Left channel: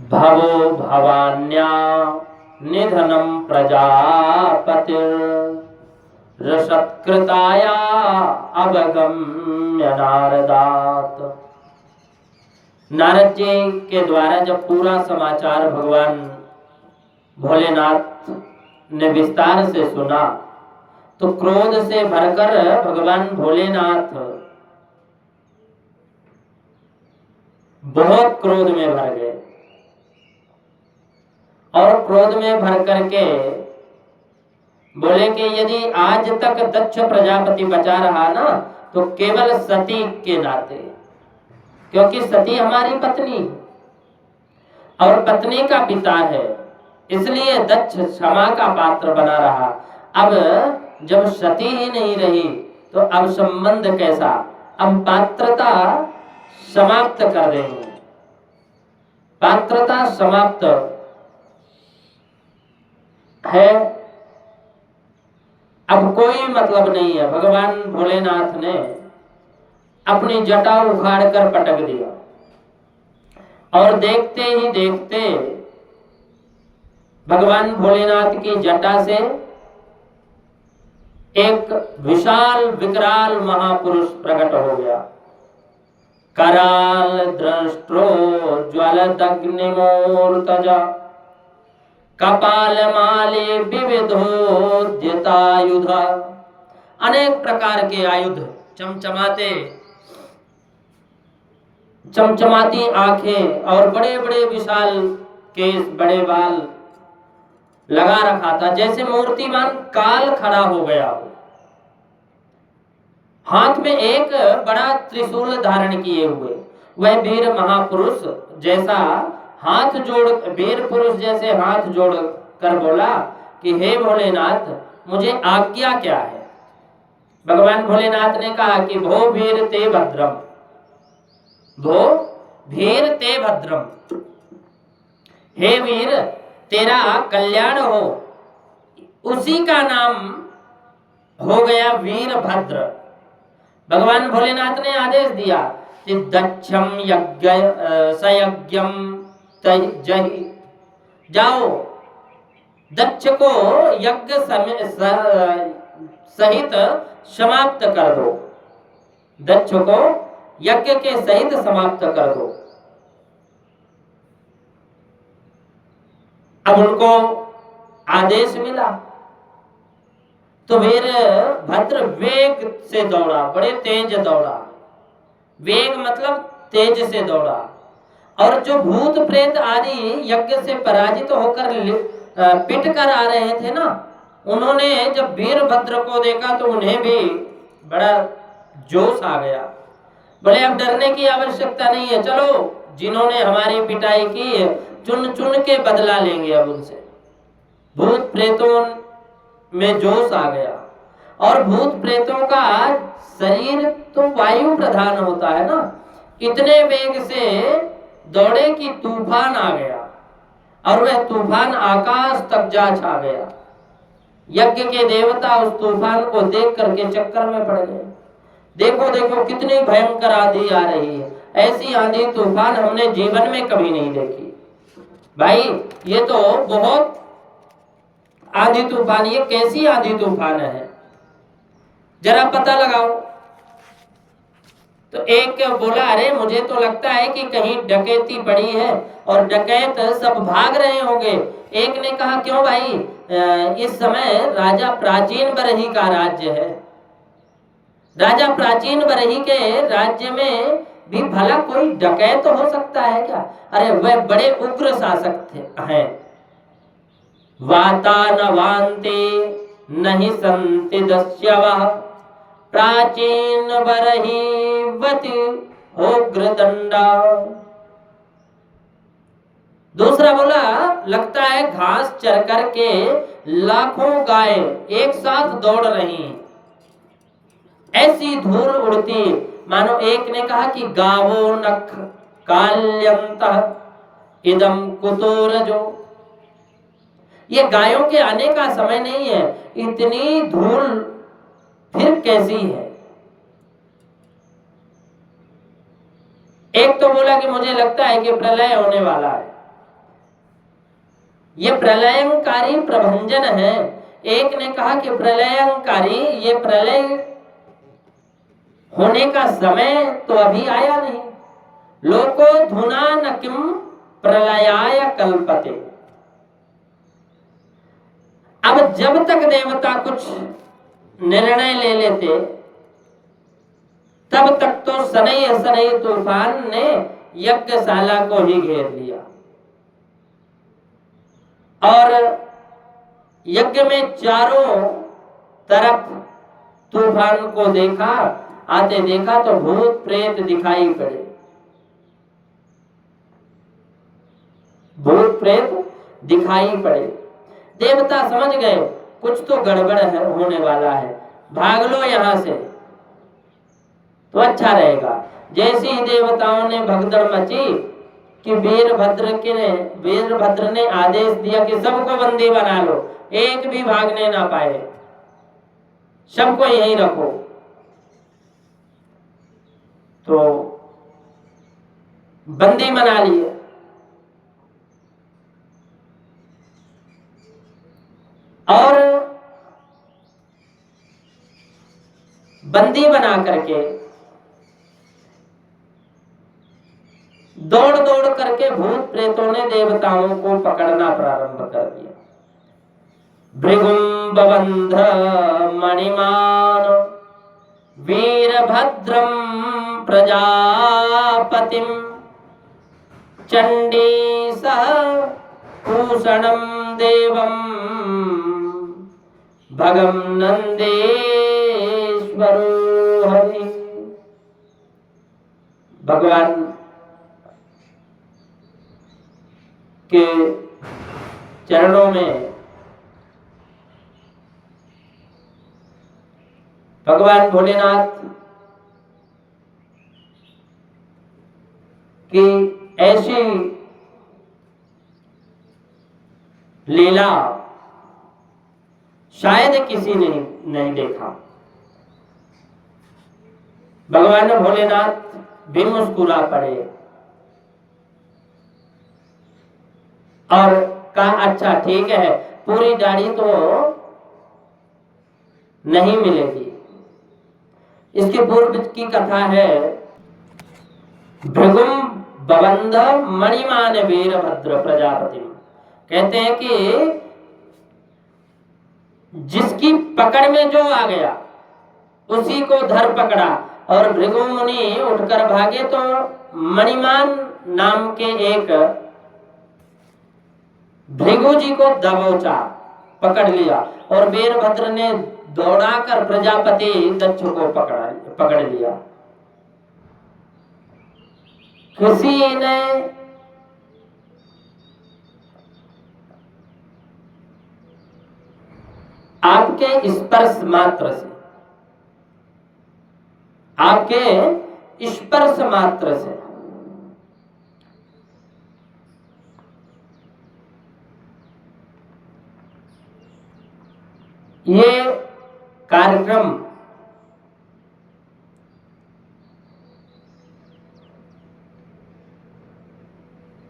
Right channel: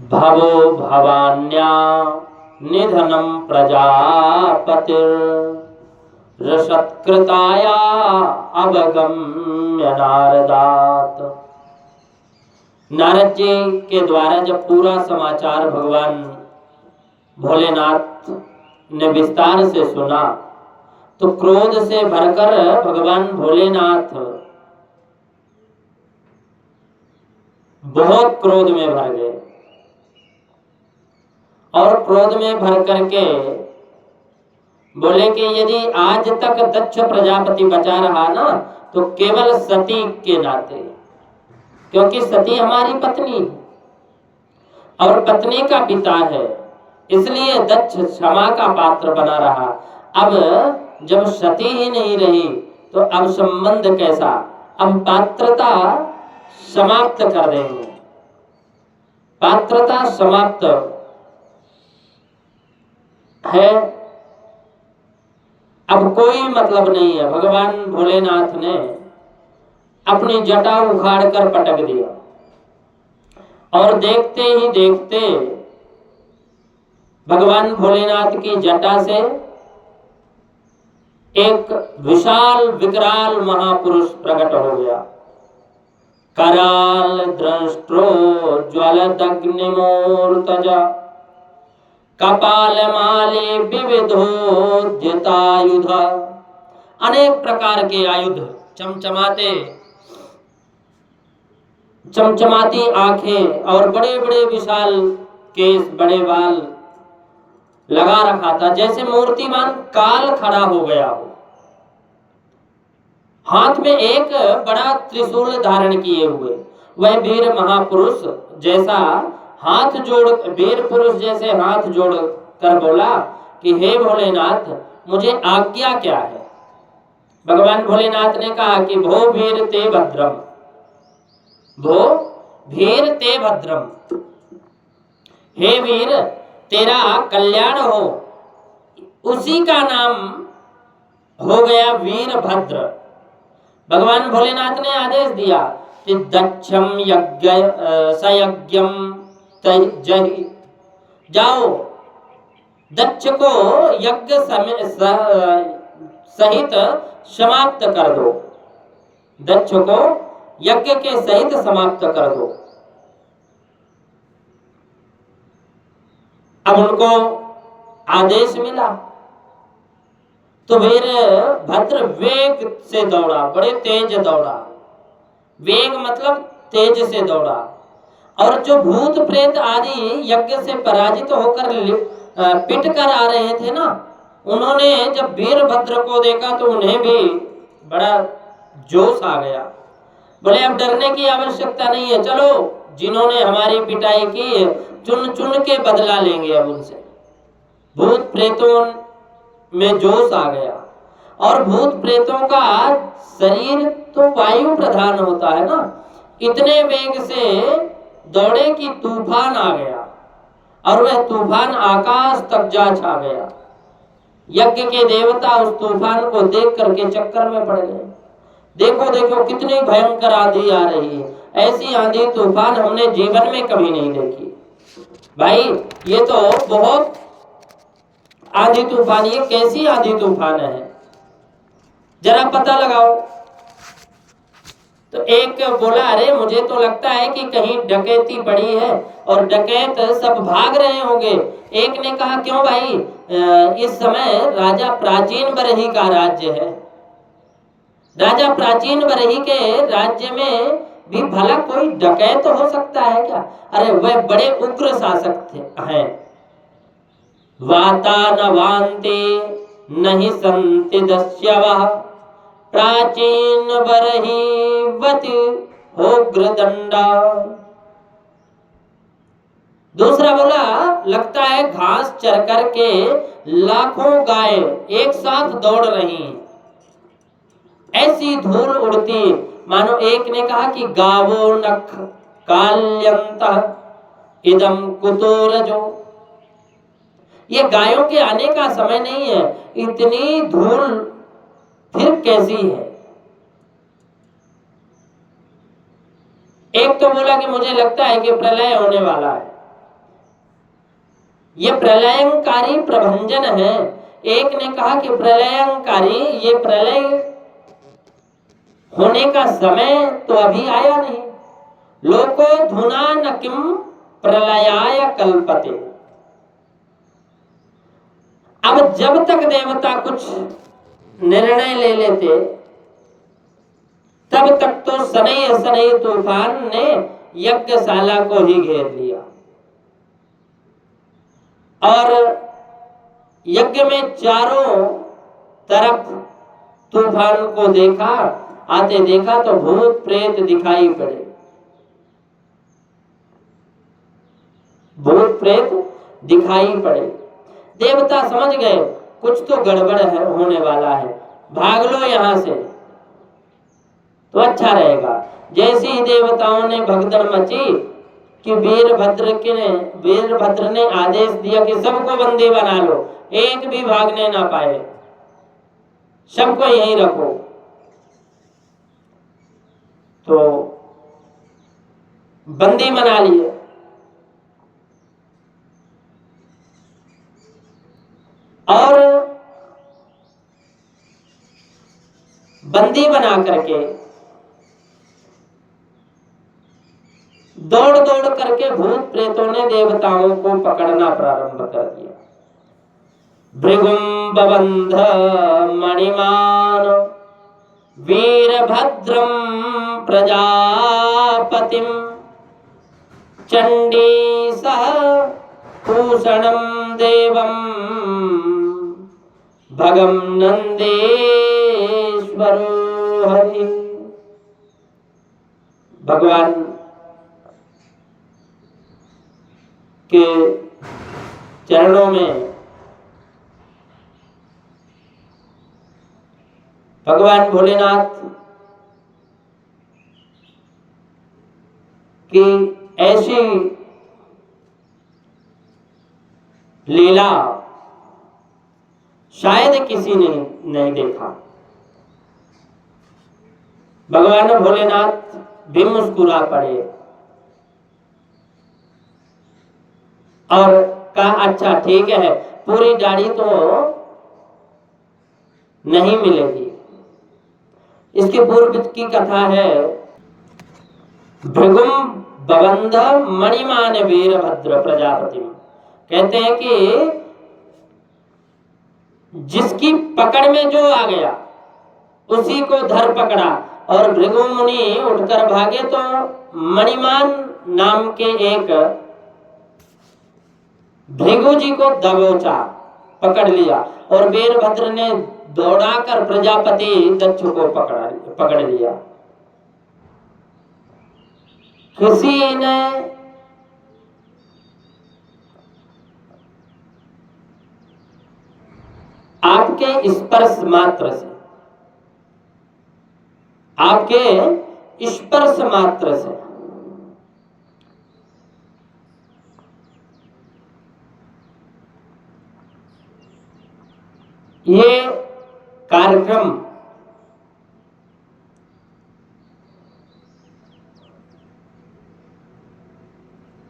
भवो भवान्या निधनं प्रजापतिर्रसत्कृताया अवगम्य नारदात। नारद जी के द्वारा जब पूरा समाचार भगवान भोलेनाथ ने विस्तार से सुना तो क्रोध से भरकर भगवान भोलेनाथ बहुत क्रोध में भर गए और क्रोध में भर करके बोले कि यदि आज तक दक्ष प्रजापति बचा रहा ना तो केवल सती के नाते, क्योंकि सती हमारी पत्नी और पत्नी का पिता है, इसलिए दक्ष क्षमा का पात्र बना रहा। अब जब सती ही नहीं रही तो अब संबंध कैसा, अब पात्रता समाप्त कर देंगे, पात्रता समाप्त है, अब कोई मतलब नहीं है। भगवान भोलेनाथ ने अपनी जटा उखाड़ कर पटक दिया और देखते ही देखते भगवान भोलेनाथ की जटा से एक विशाल विकराल महापुरुष प्रकट हो गया। कराल दृष्टो ज्वलदग्निमूर्तजा कपालमाले विविधोद्यतायुध। अनेक प्रकार के आयुध, चमचमाते चमचमाती आंखें और बड़े बड़े विशाल केस, बड़े बाल लगा रखा था, जैसे मूर्तिमान काल खड़ा हो गया हो। हाथ में एक बड़ा त्रिशूल धारण किए हुए वह वीर महापुरुष जैसा हाथ जोड़, वीर पुरुष जैसे हाथ जोड़ कर बोला कि हे भोलेनाथ, मुझे आज्ञा क्या है। भगवान भोलेनाथ ने कहा कि भो वीर ते भद्रम, भो वीर ते भद्रम, हे वीर तेरा कल्याण हो। उसी का नाम हो गया वीरभद्र। भगवान भोलेनाथ ने आदेश दिया कि दक्षम यज्ञ सयज्ञम तजहि, जाओ दक्ष को यज्ञ सहित समाप्त कर दो, दक्ष को यज्ञ के सहित समाप्त कर दो। अब उनको आदेश मिला तो वीरभद्र वेग से दौड़ा, बड़े तेज दौड़ा, वेग मतलब तेज से दौड़ा। और जो भूत प्रेत आदि यज्ञ से पराजित होकर पिट कर आ रहे थे ना, उन्होंने जब वीरभद्र को देखा तो उन्हें भी बड़ा जोश आ गया। बोले अब डरने की आवश्यकता नहीं है, चलो जिन्होंने हमारी पिटाई की चुन चुन के बदला लेंगे अब उनसे। भूत प्रेतों में जोश आ गया। और भूत प्रेतों का शरीर तो वायु प्रधान होता है ना, इतने वेग से दौड़े कि तूफान आ गया और वह तूफान आकाश तक जा छा गया। यज्ञ के देवता उस तूफान को देख करके चक्कर में पड़ गए। देखो देखो कितनी भयंकर आंधी आ रही है, ऐसी आंधी तूफान हमने जीवन में कभी नहीं देखी। भाई ये तो बहुत आंधी तूफान, ये कैसी आंधी तूफान है, जरा पता लगाओ। तो एक बोला अरे मुझे तो लगता है कि कहीं डकैती पड़ी है और डकैत सब भाग रहे होंगे। एक ने कहा क्यों भाई, इस समय राजा प्राचीन बरही का राज्य है, राजा प्राचीन बरही के राज्य में भी भला कोई डकैत हो सकता है क्या? अरे वह बड़े उग्र शासक हैं। वातानवान्ते नहि सन्ति दस्यवः प्राचीन बरहीवति उग्रदंडा। दूसरा बोला लगता है घास चर करके लाखों गाय एक साथ दौड़ रही हैं, ऐसी धूल उड़ती मानो एक ने कहा कि गावो नख काल्यंत इदम कुतोरजो। ये गायों के आने का समय नहीं है, इतनी धूल फिर कैसी है। एक तो बोला कि मुझे लगता है कि प्रलय होने वाला है। ये प्रलयंकारी प्रभंजन है। एक ने कहा कि प्रलयंकारी, ये प्रलय होने का समय तो अभी आया नहीं। लोको धुना न किम प्रलयाय कल्पते। अब जब तक देवता कुछ निर्णय ले लेते तब तक तो सनई सनई तूफान ने यज्ञशाला को ही घेर लिया और यज्ञ में चारों तरफ तूफान को देखा, आते देखा तो भूत प्रेत दिखाई पड़े। भूत प्रेत दिखाई पड़े। देवता समझ गए कुछ तो गड़बड़ है, होने वाला है, भाग लो यहां से तो अच्छा रहेगा। जैसे ही देवताओं ने भगदड़ मची कि वीरभद्र ने आदेश दिया कि सबको बंदी बना लो, एक भी भागने ना पाए, सबको यहीं रखो। तो बंदी बना लिए और बंदी बना करके दौड़ दौड़ करके भूत प्रेतों ने देवताओं को पकड़ना प्रारंभ कर दिया। भृगुम बबंध मणिमान वीरभद्रम प्रजापतिम चंडी सह भूषणम देवम भगम नंदेश्वरो हरि। भगवान के चरणों में भगवान भोलेनाथ की ऐसी लीला शायद किसी ने नहीं देखा। भगवान भोलेनाथ भी मुस्कुरा पड़े और कहा अच्छा ठीक है, पूरी दाढ़ी तो नहीं मिलेगी। इसके पूर्व की कथा है, भृगुम बबंध मणिमान वीरभद्र प्रजापति। कहते हैं कि जिसकी पकड़ में जो आ गया उसी को धर पकड़ा और भृगु मुनि उठकर भागे तो मणिमान नाम के एक भृगु जी को दबोचा, पकड़ लिया और वीरभद्र ने दौड़ाकर प्रजापति दक्ष को पकड़ लिया। किसी ने आपके स्पर्श मात्र से, आपके स्पर्श मात्र से ये कार्यक्रम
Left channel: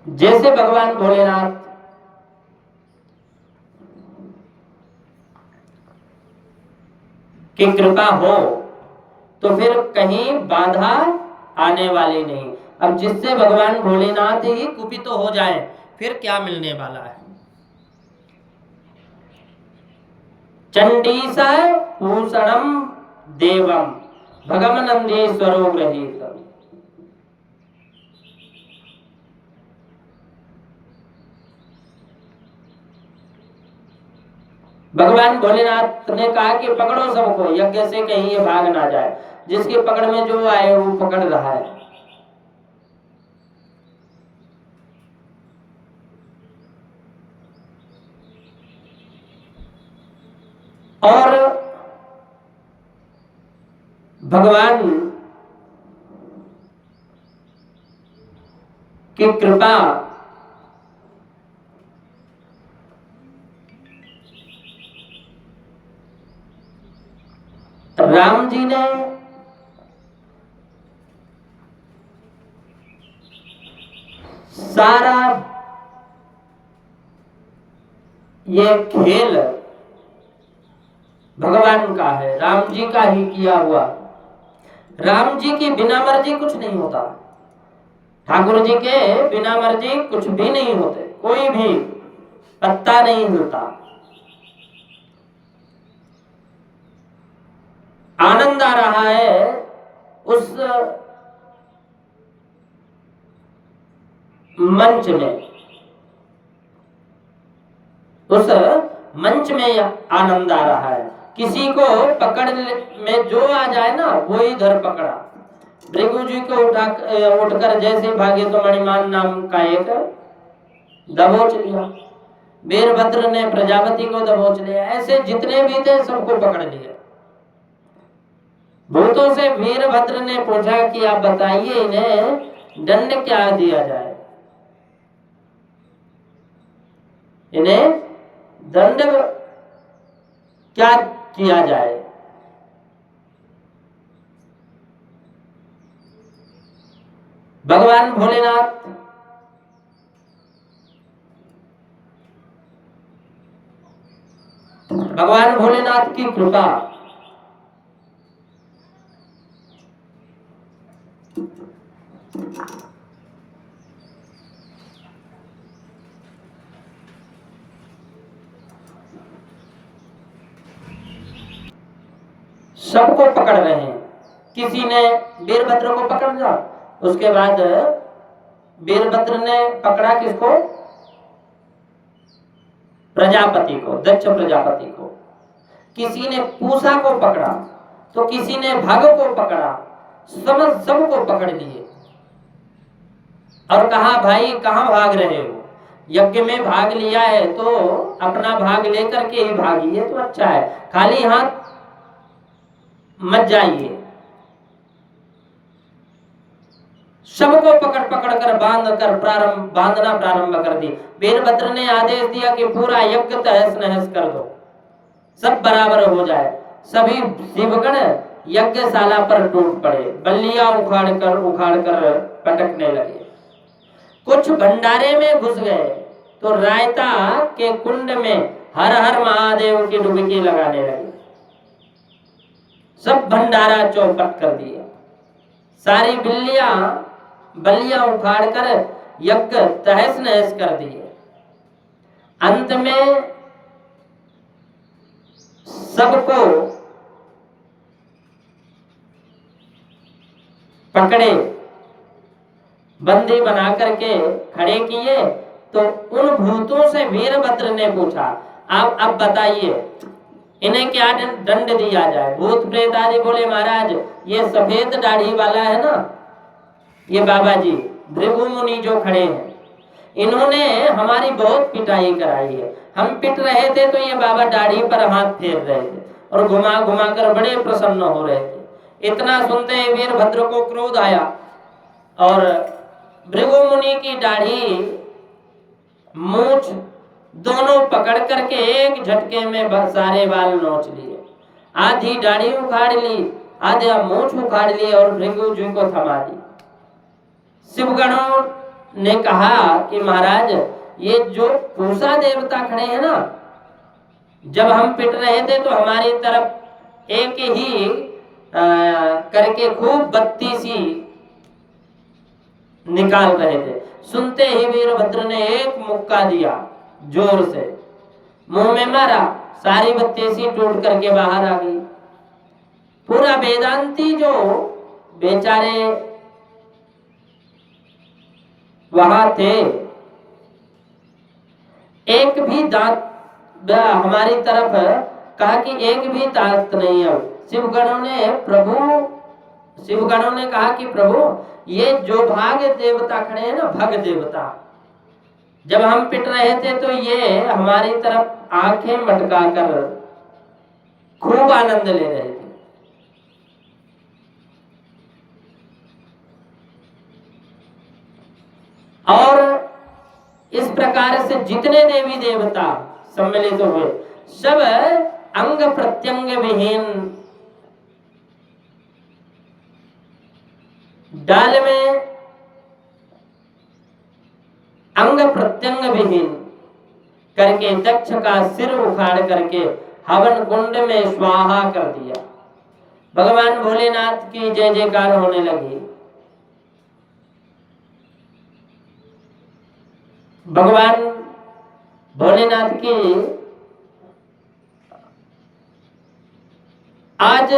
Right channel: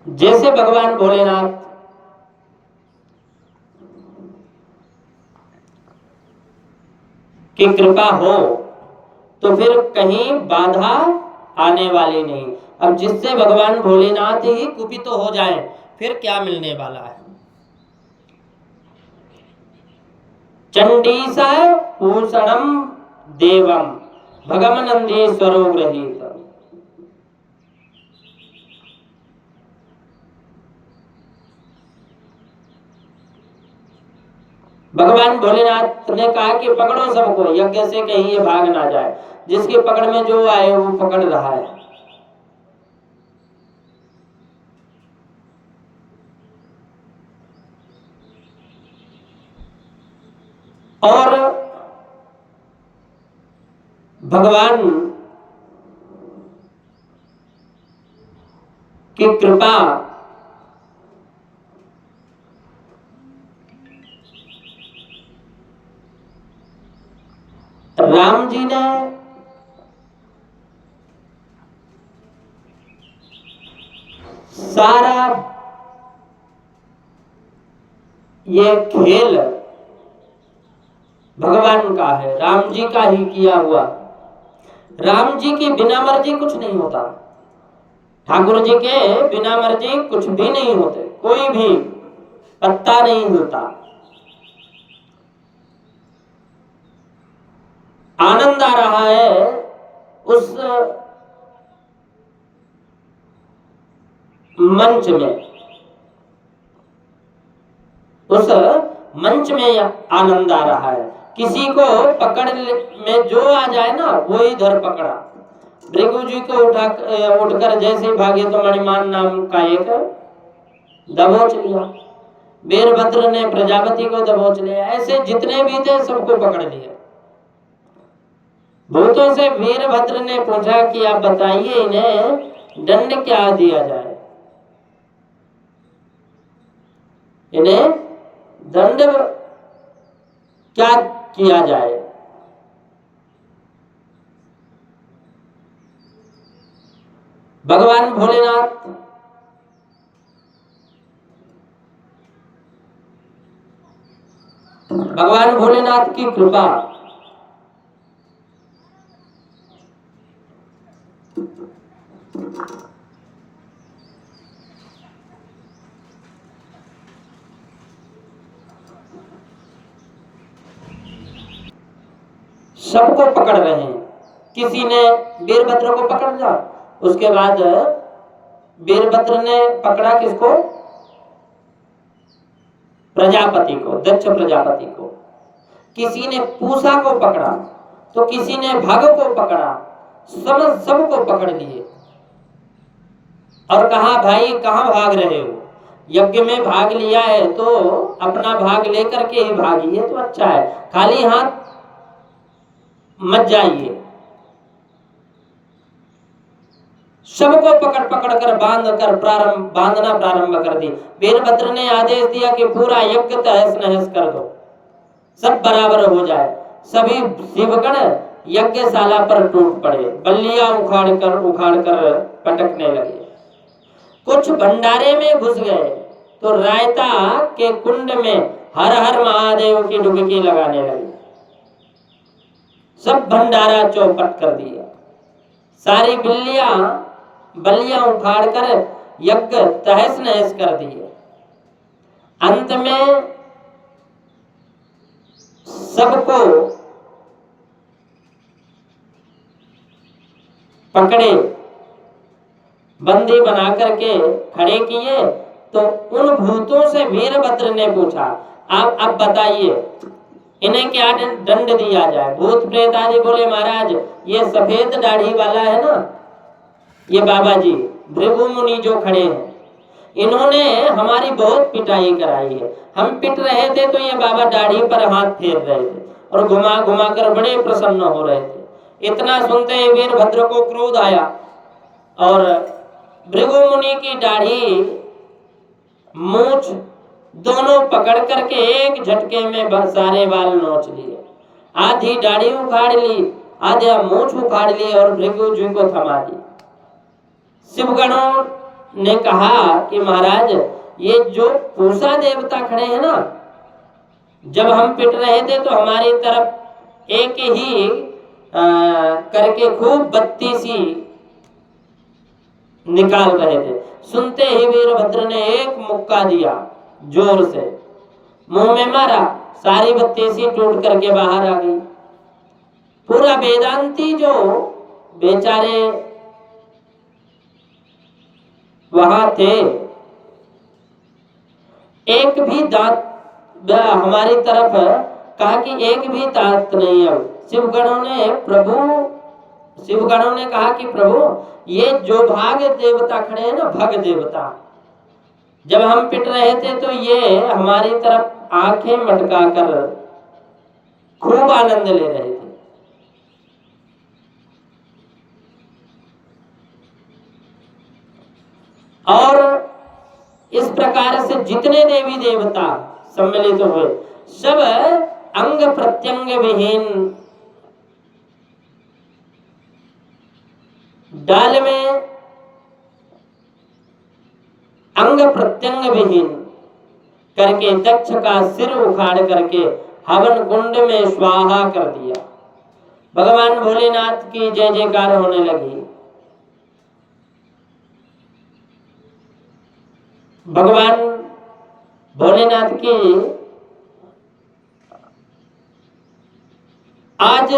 जैसे भगवान भोलेनाथ की कृपा हो तो फिर कहीं बाधा आने वाली नहीं। अब जिससे भगवान भोलेनाथ ही कुपित तो हो जाए फिर क्या मिलने वाला है। चंडीसा भूषणम देवम भगमनंदीश्वरो गृहीत। भगवान भोलेनाथ ने कहा कि पकड़ो सबको, यज्ञ से कहीं ये भाग ना जाए। जिसकी पकड़ में जो आए वो पकड़ रहा है। और भगवान की कृपा राम जी ने सारा ये खेल भगवान का है, राम जी का ही किया हुआ। राम जी की बिना मर्जी कुछ नहीं होता, ठाकुर जी के बिना मर्जी कुछ भी नहीं होते, कोई भी पत्ता नहीं हिलता। आनंद आ रहा है उस मंच में, उस मंच में आनंद आ रहा है। किसी को पकड़ में जो आ जाए ना वो इधर पकड़ा। भृगु जी को उठकर जैसे भागे तो मणिमान नाम का एक दबोच लिया, वीरभद्र ने प्रजापति को दबोच लिया, ऐसे जितने भी थे सबको पकड़ लिया। भूतों से वीरभद्र ने पूछा कि आप बताइए इन्हें दंड क्या दिया जाए, इन्हें दंड क्या किया जाए। भगवान भोलेनाथ भगवान भोलेनाथ की कृपा, सबको पकड़ रहे हैं। किसी ने वीरभद्र को पकड़ लिया, उसके बाद वीरभद्र ने पकड़ा किसको, प्रजापति को, दक्ष प्रजापति को। किसी ने पूषा को पकड़ा तो किसी ने भग को पकड़ा, सबको पकड़ लिए और कहा भाई कहां भाग रहे हो, यज्ञ में भाग लिया है तो अपना भाग लेकर के ही भागिए तो अच्छा है, खाली हाथ मत जाइए। सबको पकड़ पकड़ कर बांधना प्रारंभ कर दी। वीरभद्र ने आदेश दिया कि पूरा यज्ञ तहस नहस कर दो, सब बराबर हो जाए। सभी शिवगण यज्ञशाला पर टूट पड़े, बल्लियां उखाड़ कर पटकने लगे। कुछ भंडारे में घुस गए तो रायता के कुंड में हर हर महादेव की डुबकी लगाने लगे। सब भंडारा चौपट कर दिया, सारी बल्लियां उखाड़ कर यज्ञ तहस नहस कर दिए। अंत में सबको पकड़े, बंदी बना करके खड़े किए तो उन भूतों से वीरभद्र ने पूछा, आप अब बताइए इन्हें क्या दंड दिया जाए। भूत प्रेत आदि बोले महाराज ये सफेद दाढ़ी वाला है ना, ये बाबा जी भृगु मुनि जो खड़े हैं, इन्होंने हमारी बहुत पिटाई कराई है। हम पिट रहे थे तो ये बाबा दाढ़ी पर हाथ फेर रहे थे और घुमा घुमा कर बड़े प्रसन्न हो रहे थे। इतना सुनते ही वीरभद्र को क्रोध आया और भृगु मुनि की दाढ़ी मूछ दोनों पकड़ करके एक झटके में सारे बाल नोच लिए, आधी दाढ़ी उखाड़ ली, आधा मूछ उखाड़ ली और भृगु जी को थमा दी। शिवगणों ने कहा कि महाराज ये जो पूषा देवता खड़े हैं ना, जब हम पिट रहे थे तो हमारी तरफ एक ही करके खूब बत्ती सी निकाल रहे थे। सुनते ही वीरभद्र ने एक मुक्का दिया, जोर से मुंह में मारा, सारी बत्ती सी टूट करके बाहर आ गई। पूरा वेदांती जो बेचारे वहां थे, एक भी दांत हमारी तरफ कहा कि एक भी दांत नहीं है। शिवगणों ने कहा कि प्रभु ये जो भाग देवता खड़े हैं ना, भग देवता, जब हम पिट रहे थे तो ये हमारी तरफ आंखें मटका कर खूब आनंद ले रहे थे। और इस प्रकार से जितने देवी देवता सम्मिलित हुए सब अंग प्रत्यंग विहीन डाल में अंग प्रत्यंग विहीन करके दक्ष का सिर उखाड़ करके हवन कुंड में स्वाहा कर दिया। भगवान भोलेनाथ की जय जयकार होने लगी। भगवान भोलेनाथ की आज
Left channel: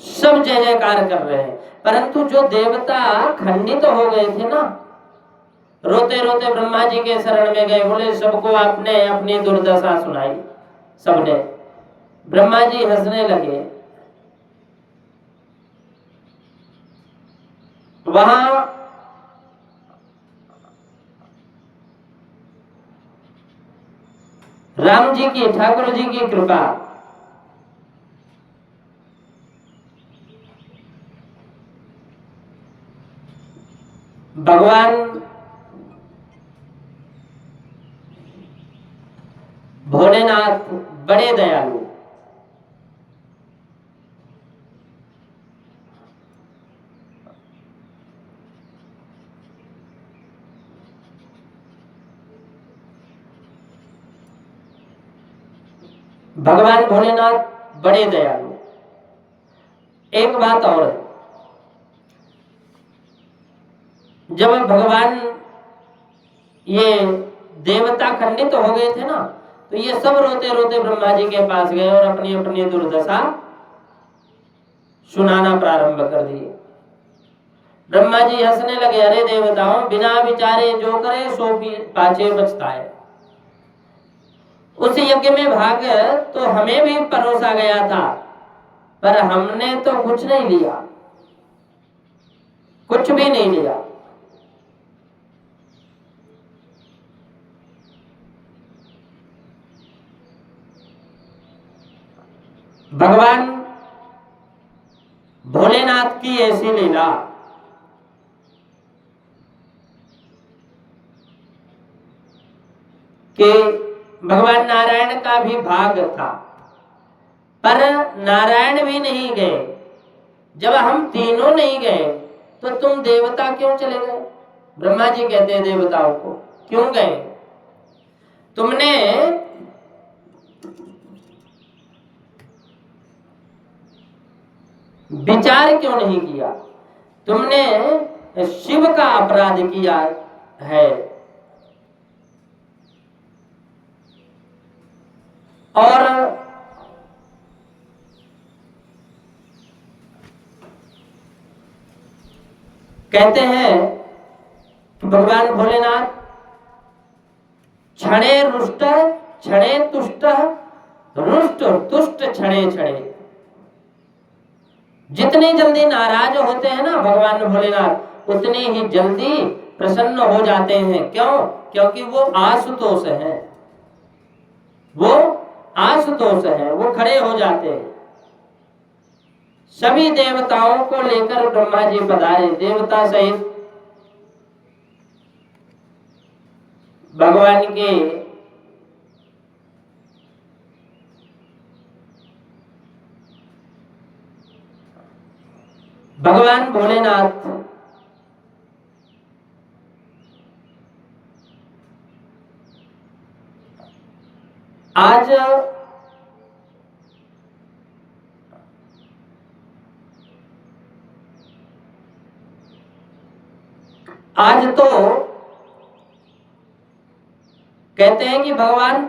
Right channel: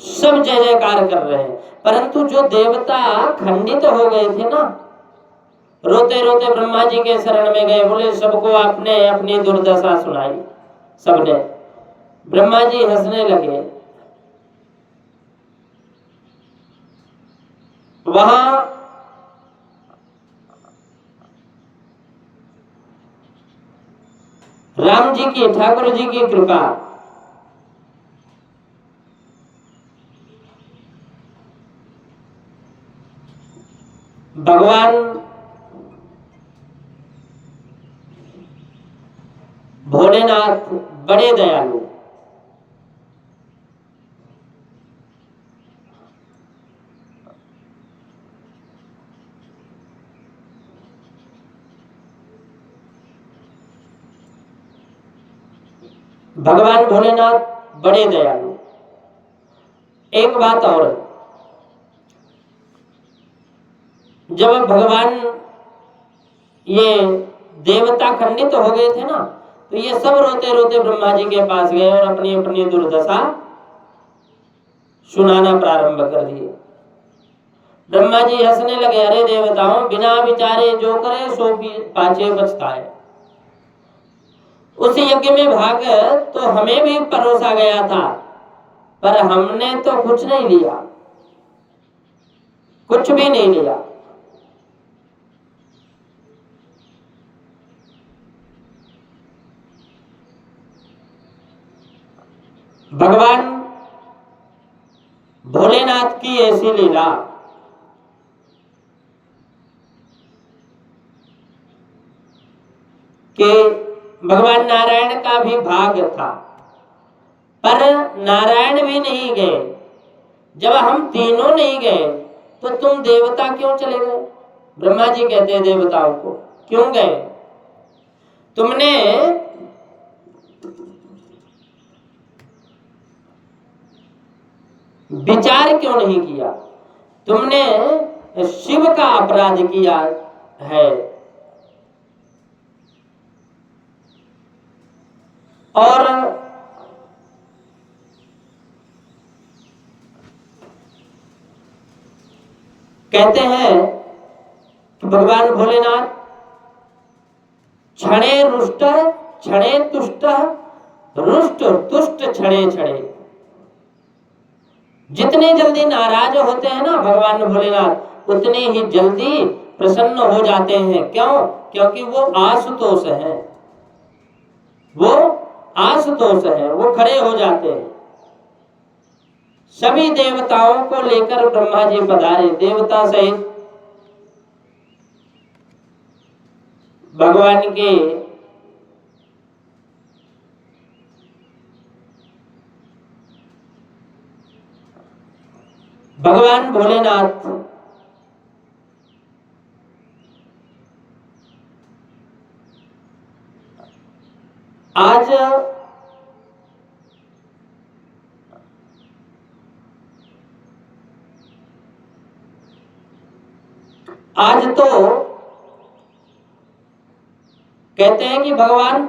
सब जय जयकार कर रहे हैं, परंतु जो देवता खंडित हो गए थे ना, रोते रोते ब्रह्मा जी के शरण में गए, बोले सबको आपने अपनी दुर्दशा सुनाई। सबने, ब्रह्मा जी हंसने लगे। वहां राम जी की, ठाकुर जी की कृपा, भगवान भोलेनाथ बड़े दयालु। भगवान भोलेनाथ बड़े दयालु। एक बात और है, जब भगवान ये देवता खंडित हो गए थे ना, तो ये सब रोते रोते ब्रह्मा जी के पास गए और अपनी अपनी दुर्दशा सुनाना प्रारंभ कर दिए। ब्रह्मा जी हंसने लगे, अरे देवताओं, बिना विचारे जो करे सो पाछे पछताए। उस यज्ञ में भाग तो हमें भी परोसा गया था, पर हमने तो कुछ नहीं लिया, कुछ भी नहीं लिया। भगवान भोलेनाथ की ऐसी लीला कि भगवान नारायण का भी भाग था, पर नारायण भी नहीं गए। जब हम तीनों नहीं गए तो तुम देवता क्यों चले गए? ब्रह्मा जी कहते हैं देवताओं को, क्यों गए? तुमने विचार क्यों नहीं किया? तुमने शिव का अपराध किया है। और कहते हैं कि भगवान भोलेनाथ क्षणे रुष्ट क्षणे तुष्ट रुष्ट तुष्ट क्षणे क्षणे, जितनी जल्दी नाराज होते हैं ना भगवान भोलेनाथ, उतनी ही जल्दी प्रसन्न हो जाते हैं। क्यों? क्योंकि वो आशुतोष हैं, वो आशुतोष हैं, वो खड़े हो जाते हैं। सभी देवताओं को लेकर ब्रह्मा जी पधारे, देवता सहित भगवान के भगवान भोलेनाथ आज तो कहते हैं कि भगवान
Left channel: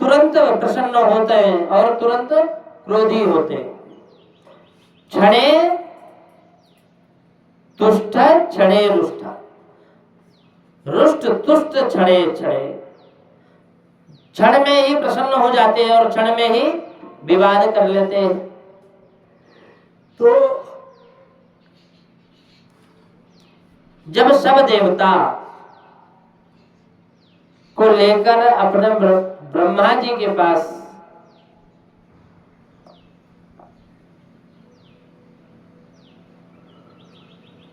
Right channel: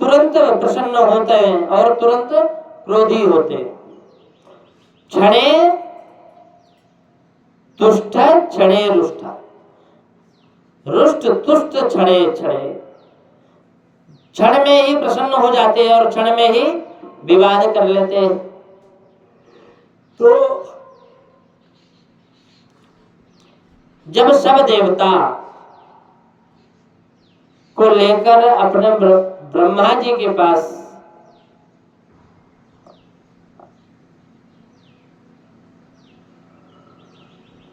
तुरंत प्रसन्न होते हैं और तुरंत क्रोधी होते हैं। क्षणे तुष्ट क्षणे रुष्ट, रुष्ट तुष्ट क्षणे क्षणे, क्षण में ही प्रसन्न हो जाते हैं और क्षण में ही विवाद कर लेते हैं। तो जब सब देवता को लेकर अपने ब्रह्मा जी के पास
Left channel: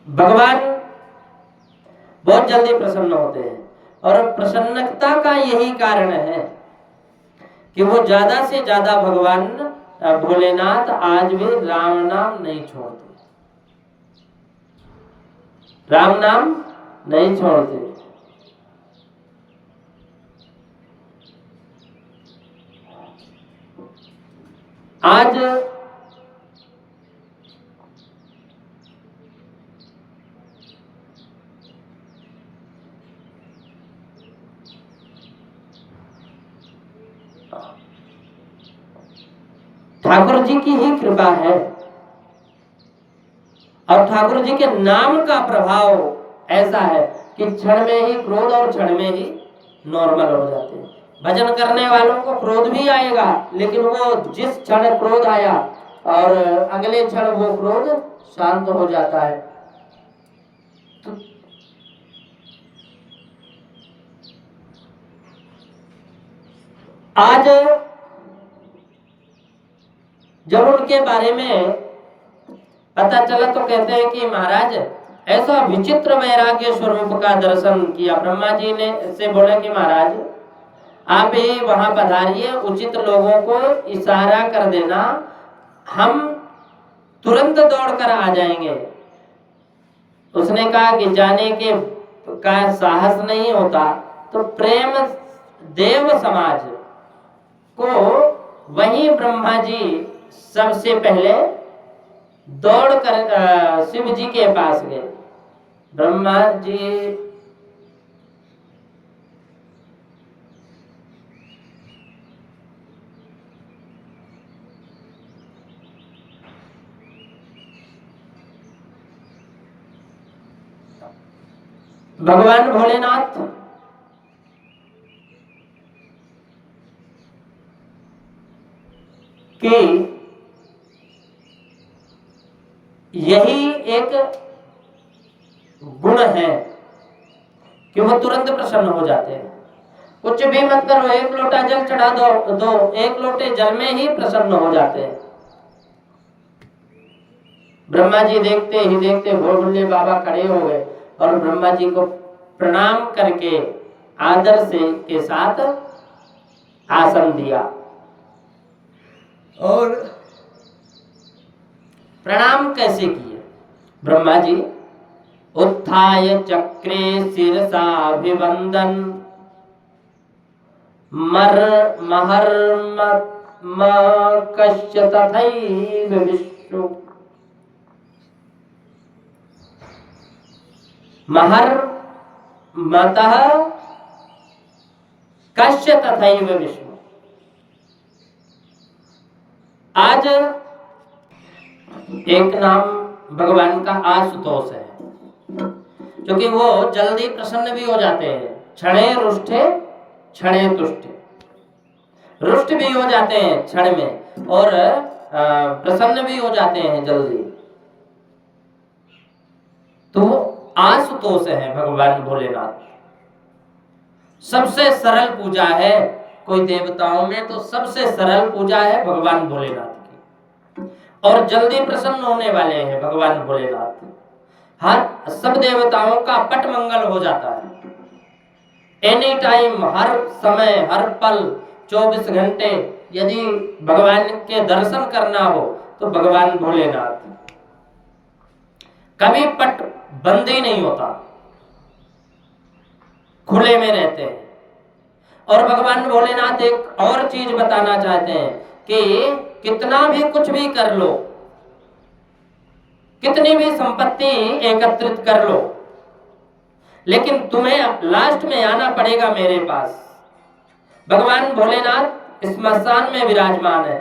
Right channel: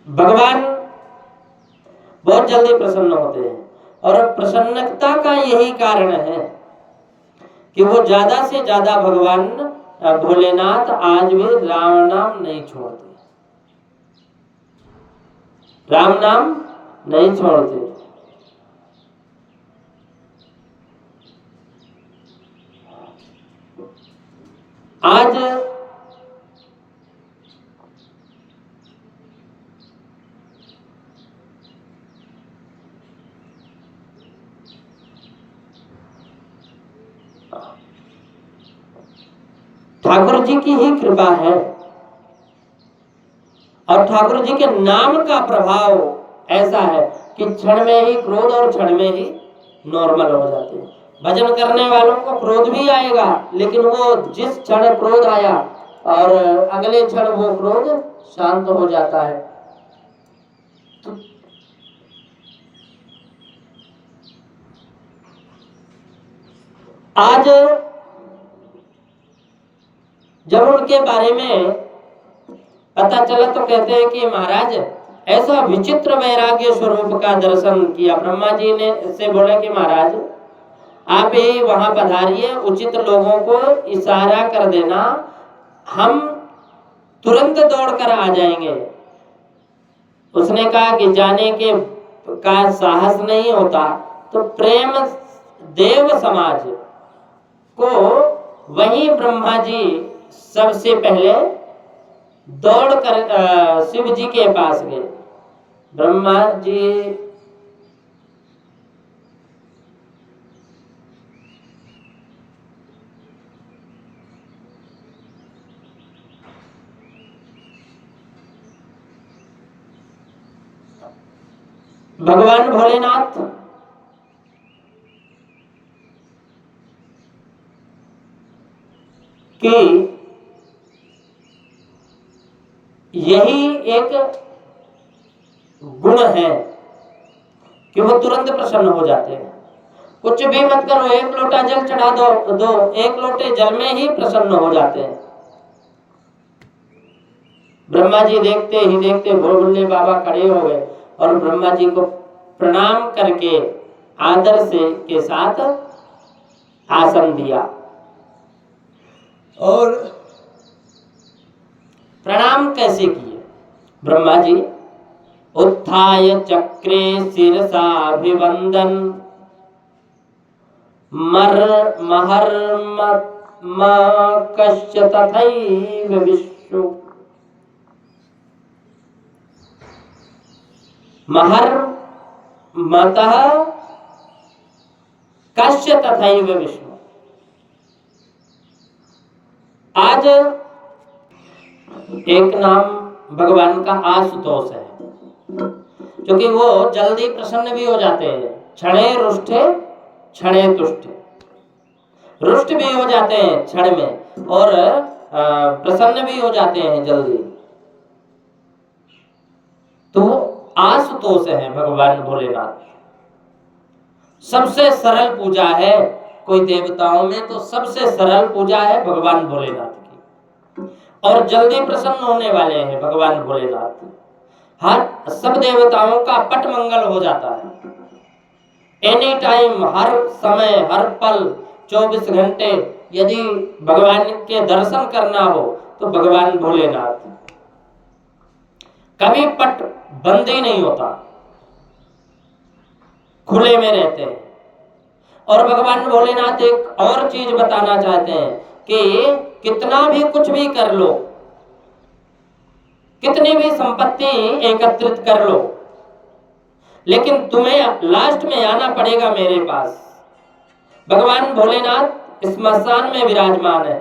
भगवान बहुत जल्दी प्रसन्न होते हैं, और प्रसन्नता का यही कारण है कि वो ज्यादा से ज्यादा भगवान भोलेनाथ आज भी राम नाम नहीं छोड़ते। राम नाम नहीं छोड़ते। आज ठाकुर जी की ही कृपा है और ठाकुर जी के नाम का प्रभाव ऐसा है कि क्षण में ही क्रोध और क्षण में ही नॉर्मल हो जाते हैं। भजन करने वालों को क्रोध भी आएगा, लेकिन वो जिस क्षण क्रोध आया और अगले क्षण वो क्रोध शांत हो जाता है। तो आज जब उनके बारे में पता चला तो कहते हैं कि महाराज ऐसा विचित्र वैराग्य स्वरूप का दर्शन किया। ब्रह्मा जी ने से बोले कि महाराज आप ही वहां पधारिए, उचित लोगों को इशारा कर देना, हम तुरंत दौड़कर आ जाएंगे। उसने कहा कि जाने के का साहस नहीं होता तो प्रेम देव समाज को वही ब्रह्मा जी सबसे पहले दौड़कर शिव जी के पास गए। ब्रह्मा जी भगवान भोलेनाथ की यही एक गुण है कि वो तुरंत प्रसन्न हो जाते हैं। कुछ भी मत करो, एक लोटा जल चढ़ा दो, एक लोटे जल में ही प्रसन्न हो जाते हैं। ब्रह्मा जी देखते ही देखते भोले बाबा खड़े हो गए और ब्रह्मा जी को प्रणाम करके आदर से के साथ आसन दिया और प्रणाम कैसे किए? ब्रह्मा जी उत्थाय चक्रे शिरसाभिवंदन मर महर कश्य तथैव विश्व महर मतः कश्य तथैव विश्व। आज एक नाम भगवान का आशुतोष है, क्योंकि वो जल्दी प्रसन्न भी हो जाते हैं। क्षणे रुष्टे क्षणे तुष्टे, रुष्ट भी हो जाते हैं क्षण में और प्रसन्न भी हो जाते हैं जल्दी। तो आशुतोष है भगवान भोलेनाथ। सबसे सरल पूजा है, कोई देवताओं में तो सबसे सरल पूजा है भगवान भोलेनाथ की, और जल्दी प्रसन्न होने वाले हैं भगवान भोलेनाथ। हर सब देवताओं का पट मंगल हो जाता है। एनी टाइम, हर समय, हर पल, 24 घंटे यदि भगवान के दर्शन करना हो तो भगवान भोलेनाथ, कभी पट बंद ही नहीं होता, खुले में रहते हैं। और भगवान भोलेनाथ एक और चीज बताना चाहते हैं कि कितना भी कुछ भी कर लो, कितनी भी संपत्ति एकत्रित कर लो, लेकिन तुम्हें लास्ट में आना पड़ेगा मेरे पास। भगवान भोलेनाथ स्मशान में विराजमान है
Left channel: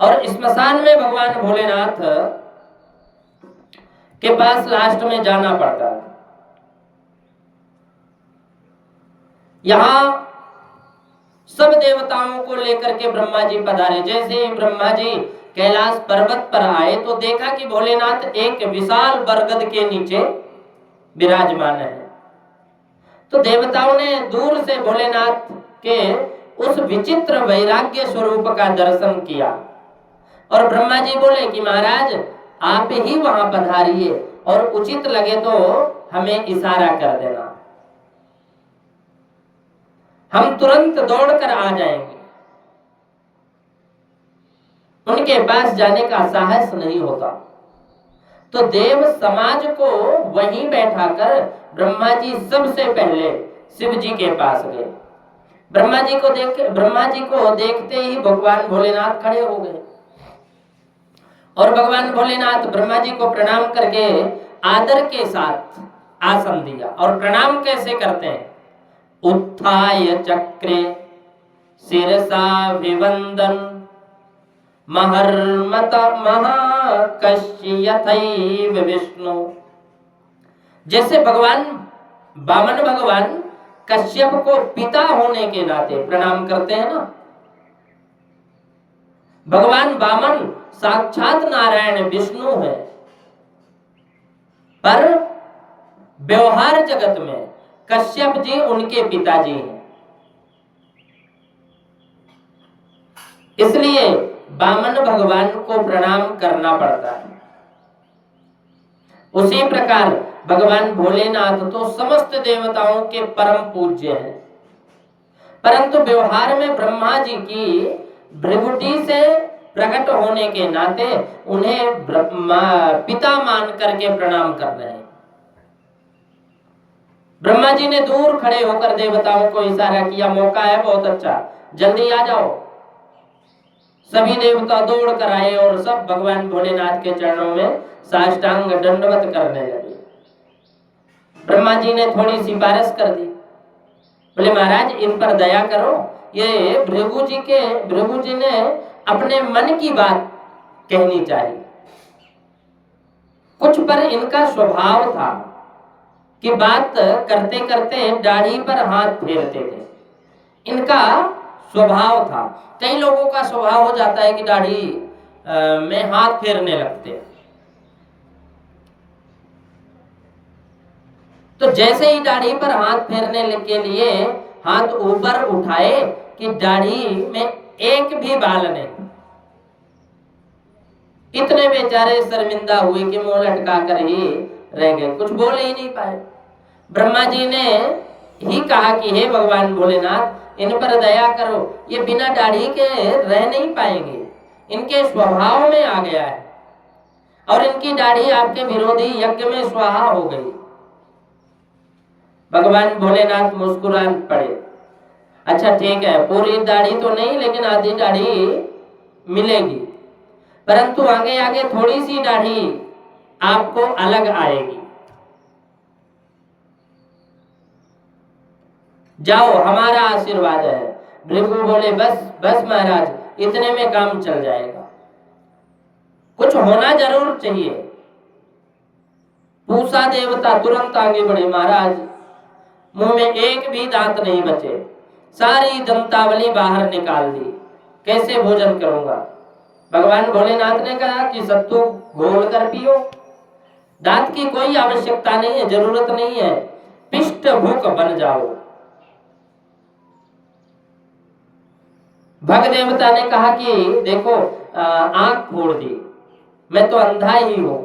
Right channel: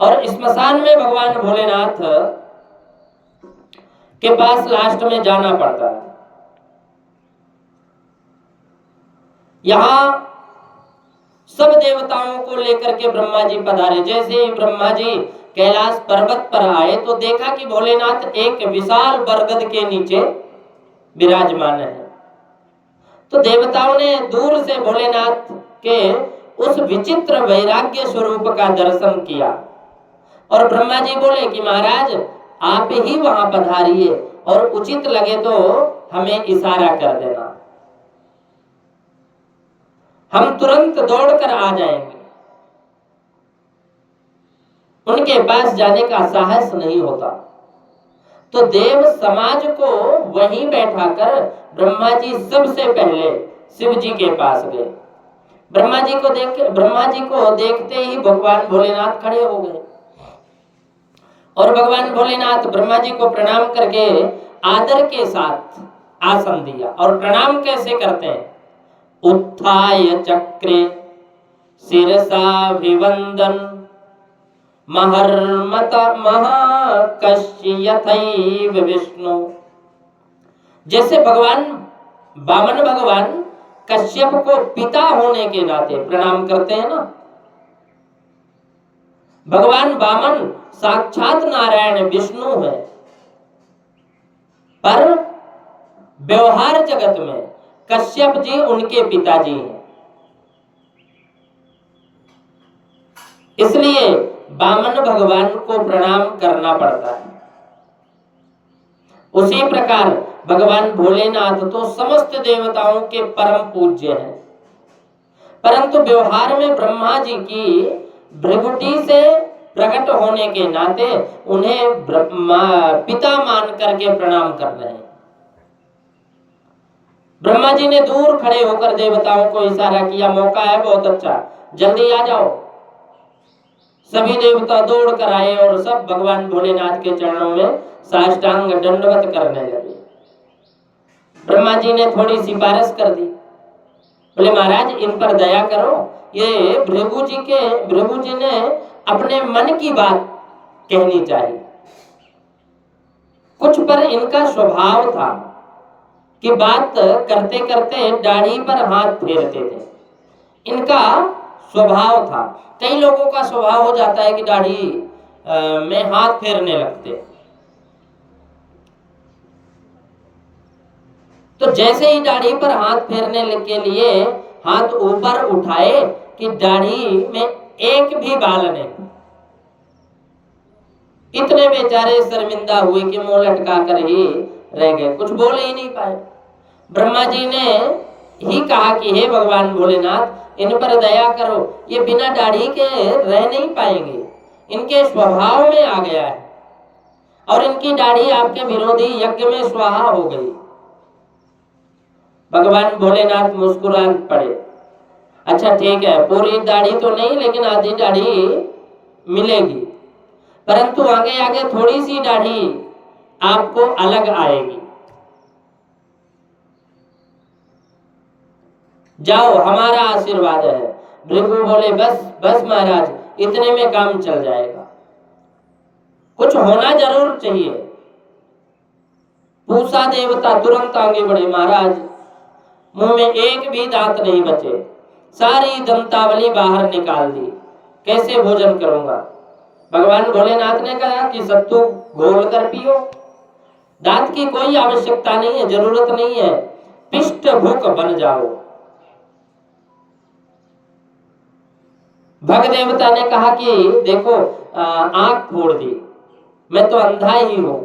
और स्मशान में भगवान भोलेनाथ के पास लास्ट में जाना पड़ता है। यहां सब देवताओं को लेकर के ब्रह्मा जी पधारे। जैसे ही ब्रह्मा जी कैलाश पर्वत पर आए तो देखा कि भोलेनाथ एक विशाल बरगद के नीचे विराजमान है। तो देवताओं ने दूर से भोलेनाथ के उस विचित्र वैराग्य स्वरूप का दर्शन किया और ब्रह्मा जी बोले कि महाराज आप ही वहां पधारिए और उचित लगे तो हमें इशारा कर देना, हम तुरंत दौड़कर आ जाएंगे। उनके पास जाने का साहस नहीं होता, तो देव समाज को वहीं बैठाकर ब्रह्मा जी सबसे पहले शिव जी के पास गए। ब्रह्मा जी को देखते ही भगवान भोलेनाथ खड़े हो गए और भगवान भोलेनाथ ब्रह्मा जी को प्रणाम करके आदर के साथ आसन दिया। और प्रणाम कैसे करते हैं? उत्थाय चक्रे शिरसाभिवंदन महर्मत महाकश्यथैव विष्णु। जैसे भगवान वामन भगवान कश्यप को पिता होने के नाते प्रणाम करते हैं ना, भगवान वामन साक्षात नारायण विष्णु है, पर व्यवहार जगत में कश्यप जी उनके पिताजी हैं। इसलिए वामन भगवान को प्रणाम करना पड़ता है। उसी प्रकार भगवान भोलेनाथ तो समस्त देवताओं के परम पूज्य हैं, परंतु व्यवहार में ब्रह्मा जी की भृगुटी से प्रकट होने के नाते उन्हें पिता मान करके प्रणाम कर रहे हैं। ब्रह्मा जी ने दूर खड़े होकर देवताओं को इशारा किया, मौका है बहुत अच्छा, जल्दी आ जाओ। सभी देवता दौड़ कर आए और सब भगवान भोलेनाथ के चरणों में साष्टांग दंडवत करने लगे। ब्रह्मा जी ने थोड़ी सिफारिश कर दी, बोले महाराज इन पर दया करो, ये भृगु जी ने अपने मन की बात कहनी चाहिए। कुछ पर इनका स्वभाव था कि बात करते करते दाढ़ी पर हाथ फेरते थे, इनका स्वभाव था। कई लोगों का स्वभाव हो जाता है कि दाढ़ी में हाथ फेरने लगते। तो जैसे ही दाढ़ी पर हाथ फेरने के लिए हाथ ऊपर उठाए कि दाढ़ी में एक भी बाल नहीं। इतने बेचारे शर्मिंदा हुए कि मुंह लटका कर ही रह गए, कुछ बोल ही नहीं पाए। ब्रह्मा जी ने ही कहा कि हे भगवान भोलेनाथ इन पर दया करो, ये बिना दाढ़ी के रह नहीं पाएंगे, इनके स्वभाव में आ गया है और इनकी दाढ़ी आपके विरोधी यज्ञ में स्वाहा हो गई। भगवान भोलेनाथ मुस्कुरान पड़े, अच्छा ठीक है, पूरी दाढ़ी तो नहीं लेकिन आधी दाढ़ी मिलेगी, परंतु आगे आगे थोड़ी सी दाढ़ी आपको अलग आएगी। जाओ हमारा आशीर्वाद है। भृगु बोले बस बस महाराज, इतने में काम चल जाएगा, कुछ होना जरूर चाहिए। पूषा देवता तुरंत आगे बढ़े, महाराज मुंह में एक भी दांत नहीं बचे, सारी दंतावली बाहर निकाल दी, कैसे भोजन करूंगा? भगवान भोलेनाथ ने कहा कि सत्तू घोल कर पियो, दांत की कोई आवश्यकता नहीं है, जरूरत नहीं है, पिष्ट भूख बन जाओ। भग देवता ने कहा कि देखो आंख फोड़ दी, मैं तो अंधा ही हूं।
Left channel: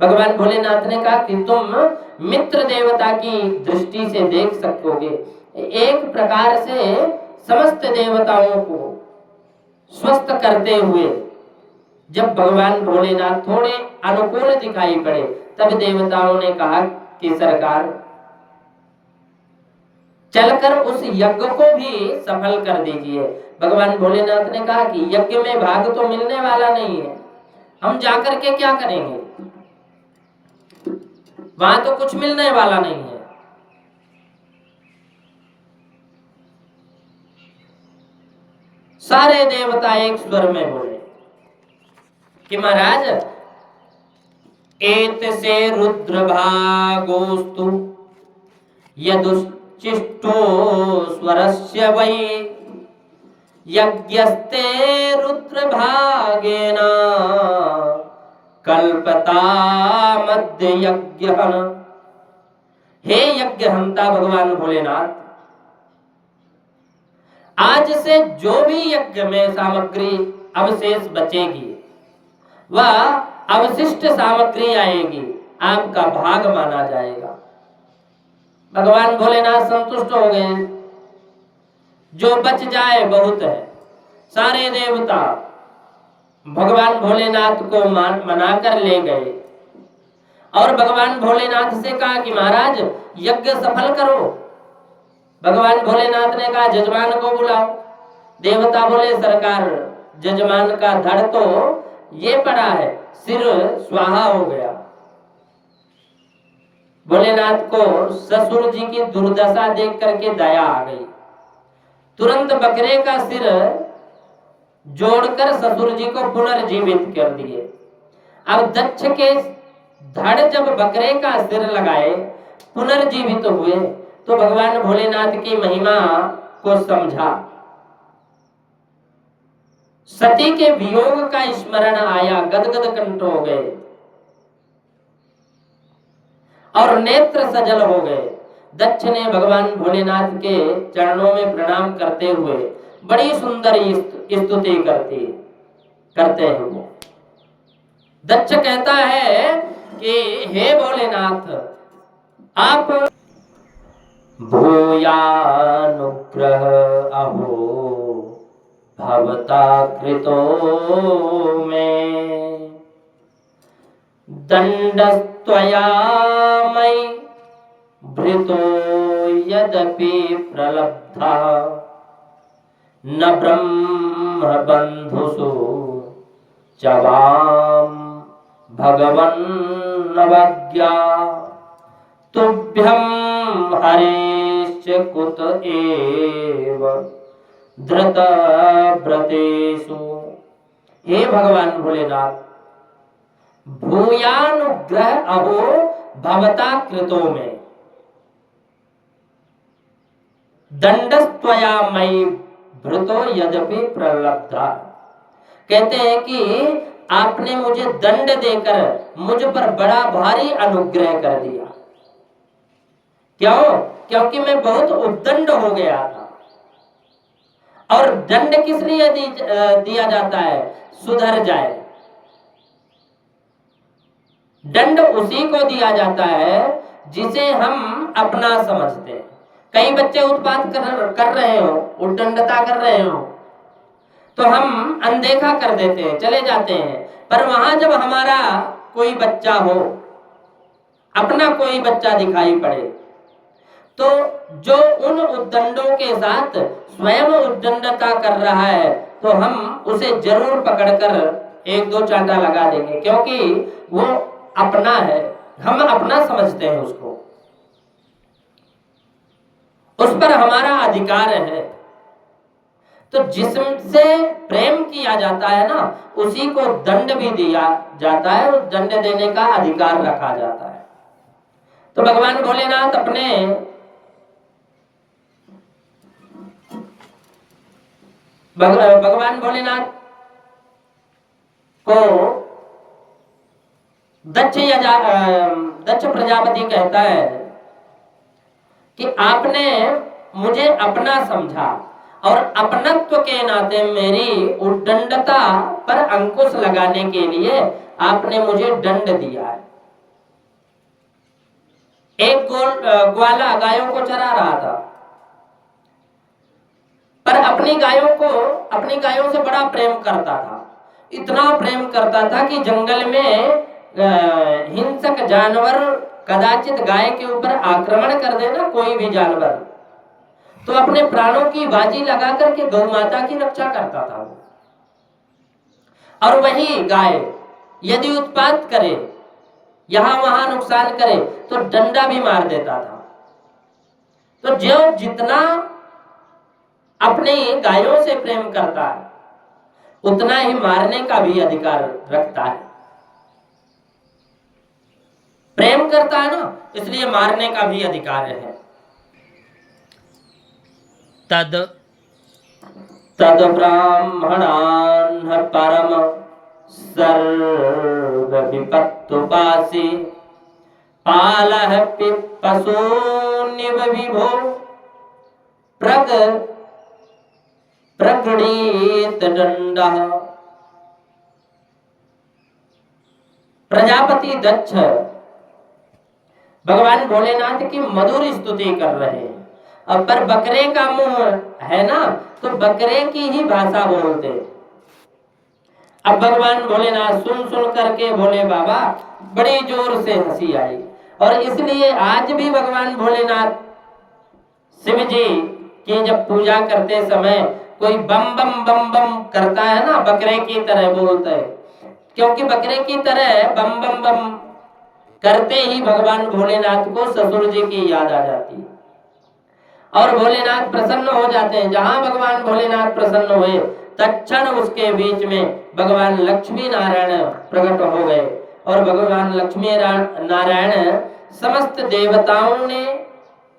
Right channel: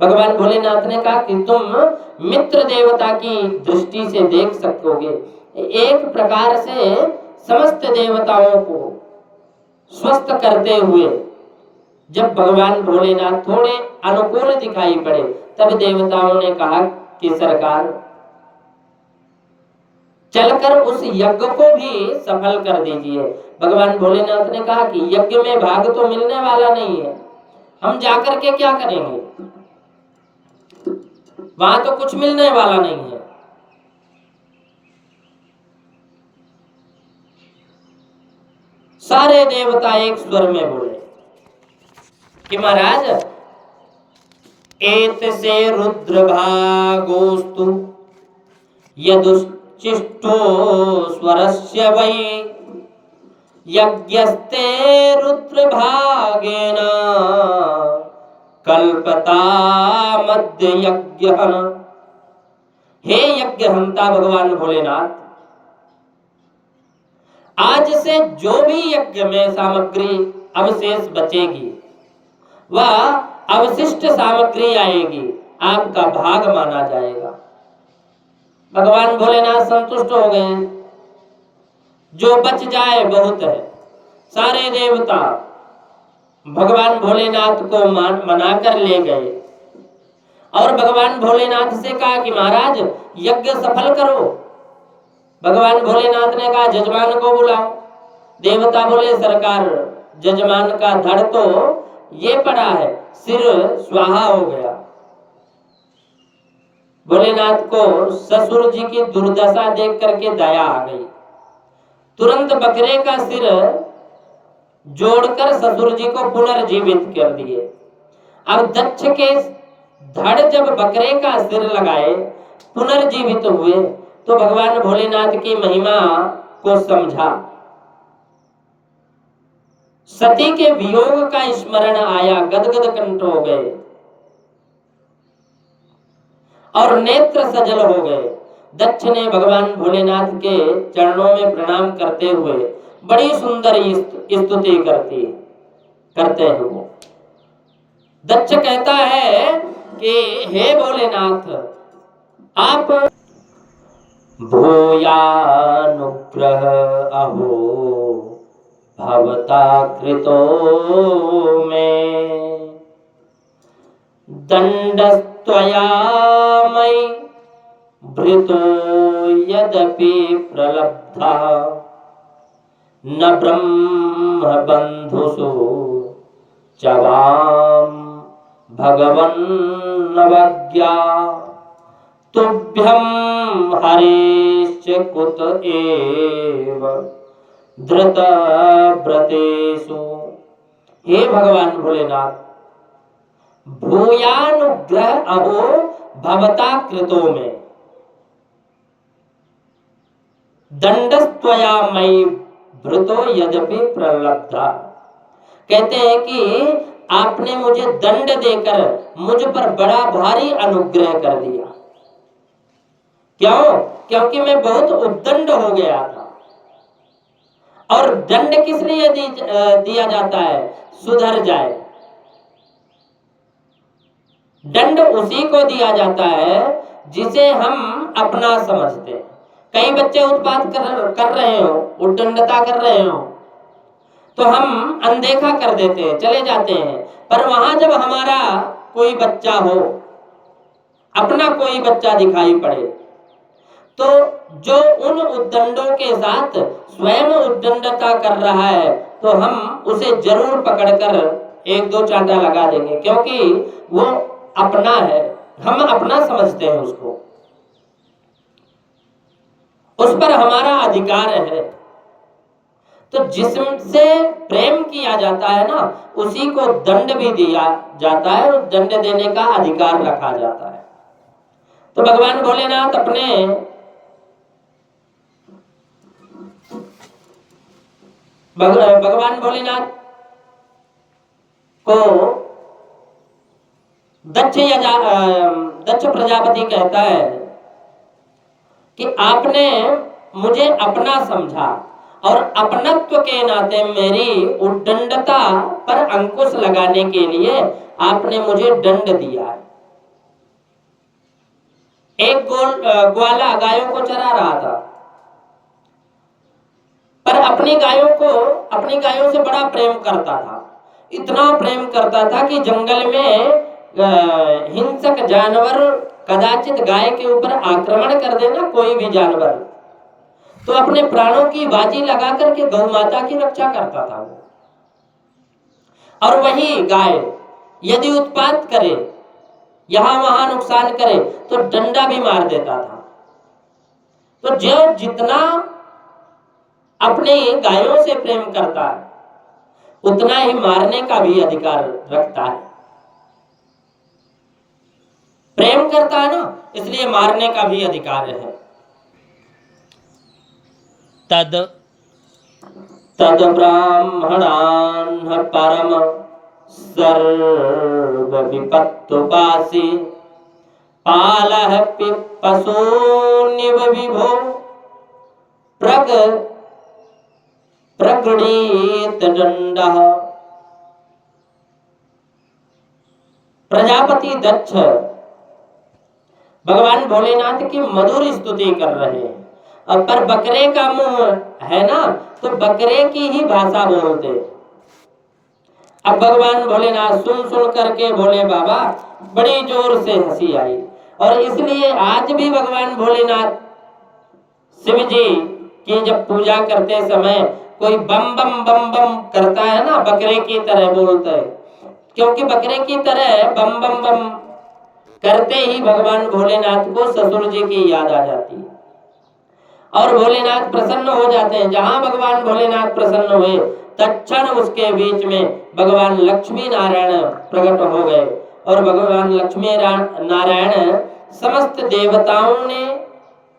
भगवान भोलेनाथ ने कहा कि तुम मित्र देवता की दृष्टि से देख सकोगे। एक प्रकार से समस्त देवताओं को स्वस्थ करते हुए जब भगवान भोलेनाथ थोड़े अनुकूल दिखाई पड़े, तब देवताओं ने कहा कि सरकार चलकर उस यज्ञ को भी सफल कर दीजिए। भगवान भोलेनाथ ने कहा कि यज्ञ में भाग तो मिलने वाला नहीं है, हम जाकर के क्या करेंगे, वहां तो कुछ मिलने वाला नहीं है। सारे देवता एक स्वर में बोले कि महाराज एत से रुद्र भागोस्तु यदुश्चिष्टो स्वरस्य वै यज्ञस्ते रुद्र भागेन कल्पता मध्य यज्ञ। हे यज्ञहंता भगवान भोलेनाथ, आज से जो भी यज्ञ में सामग्री अवशेष बचेगी वह अवशिष्ट सामग्री आएगी, आपका भाग माना जाएगा। भगवान भोलेनाथ संतुष्ट हो गए, जो बच जाए बहुत है। सारे देवता भगवान भोलेनाथ को मनाकर ले गए और भगवान भोलेनाथ से कहा कि महाराज यज्ञ सफल करो। भगवान भोलेनाथ ने कहा जजमान को बुलाओ। देवता बोले सरकार जजमान का धड़ तो ये पड़ा है, सिर स्वाहा हो गया। भोलेनाथ को ससुर जी की दुर्दशा देख करके दया आ गई, तुरंत बकरे का सिर जोड़कर ससुर जी को पुनर्जीवित कर दिए। अब दक्ष के धड़ जब बकरे का सिर लगाए पुनर्जीवित हुए तो भगवान भोलेनाथ की महिमा को समझा। सती के वियोग का स्मरण आया, गदगद कंठ हो गए और नेत्र सजल हो गए। दक्ष ने भगवान भोलेनाथ के चरणों में प्रणाम करते हुए बड़ी सुंदर स्तुति करते हैं वो। दक्ष कहता है कि हे भोलेनाथ आप भूयानुग्रह अहो भवता कृतो में दंडस्त्वया मयि भृतो यदपि प्रलब्धा न ब्रह्म बंधुषु चवाम भगवन्नवज्ञा तुभ्यं हरेश्च कुत एव धृत व्रतेषु। हे भगवान भोलेनाथ भूयानुग्रह अहो भवता कृतो में दंडस्त्वया मयि भृतो यद्यपि प्रलब्धा। कहते हैं कि आपने मुझे दंड देकर मुझ पर बड़ा भारी अनुग्रह कर दिया। क्यों? क्योंकि मैं बहुत उद्दंड हो गया था। और दंड किस लिए दिया जाता है? सुधर जाए। दंड उसी को दिया जाता है जिसे हम अपना समझते हैं। कई बच्चे उत्पात कर रहे हो, उद्दंडता कर रहे हो, तो हम अनदेखा कर देते हैं, चले जाते हैं। पर वहां जब हमारा कोई बच्चा हो, अपना कोई बच्चा दिखाई पड़े, तो जो उन उद्दंडों के साथ स्वयं उद्दंडता कर रहा है तो हम उसे जरूर पकड़कर एक दो चांटा लगा देंगे, क्योंकि वो अपना है, हम अपना समझते हैं उसको, उस पर हमारा अधिकार है। तो जिससे प्रेम किया जाता है ना, उसी को दंड भी दिया जाता है और दंड देने का अधिकार रखा जाता है। तो भगवान भोलेनाथ भगवान भोलेनाथ को दक्ष प्रजापति कहता है कि आपने मुझे अपना समझा और अपनत्व के नाते मेरी उद्दंडता पर अंकुश लगाने के लिए आपने मुझे दंड दिया है। एक ग्वाला गायों को चरा रहा था, पर अपनी गायों से बड़ा प्रेम करता था। इतना प्रेम करता था कि जंगल में हिंसक जानवर कदाचित गाय के ऊपर आक्रमण कर देना, कोई भी जानवर, तो अपने प्राणों की बाजी लगा करके गौ माता की रक्षा करता था वो। और वही गाय यदि उत्पात करे, यहां वहां नुकसान करे, तो डंडा भी मार देता था। तो जो जितना अपने गायों से प्रेम करता है, उतना ही मारने का भी अधिकार रखता है। प्रेम करता है ना, इसलिए मारने का भी अधिकार है। तद ब्राह्मणान् परम सर्व विपत्तुपासी पालः पशूनिव विभो प्रगृणीत दंडः। प्रजापति दक्ष भगवान भोलेनाथ की मधुर स्तुति कर रहे हैं, पर बकरे का मुंह है ना, तो बकरे की ही भाषा बोलते। अब भगवान भोलेनाथ सुन सुन करके बोले बाबा बड़ी जोर से हंसी आई। और इसलिए आज भी भगवान भोलेनाथ शिव जी की जब पूजा करते समय कोई बम बम बम बम करता है ना, बकरे की तरह बोलते हैं, क्योंकि बकरे की तरह बम बम बम करते ही भगवान भोलेनाथ को ससुर जी की याद आ जाती है और भोलेनाथ प्रसन्न हो जाते हैं। जहां भगवान भोलेनाथ प्रसन्न हुए तत्क्षण उसके बीच में भगवान लक्ष्मी नारायण प्रकट हो गए और भगवान लक्ष्मी नारायण समस्त देवताओं ने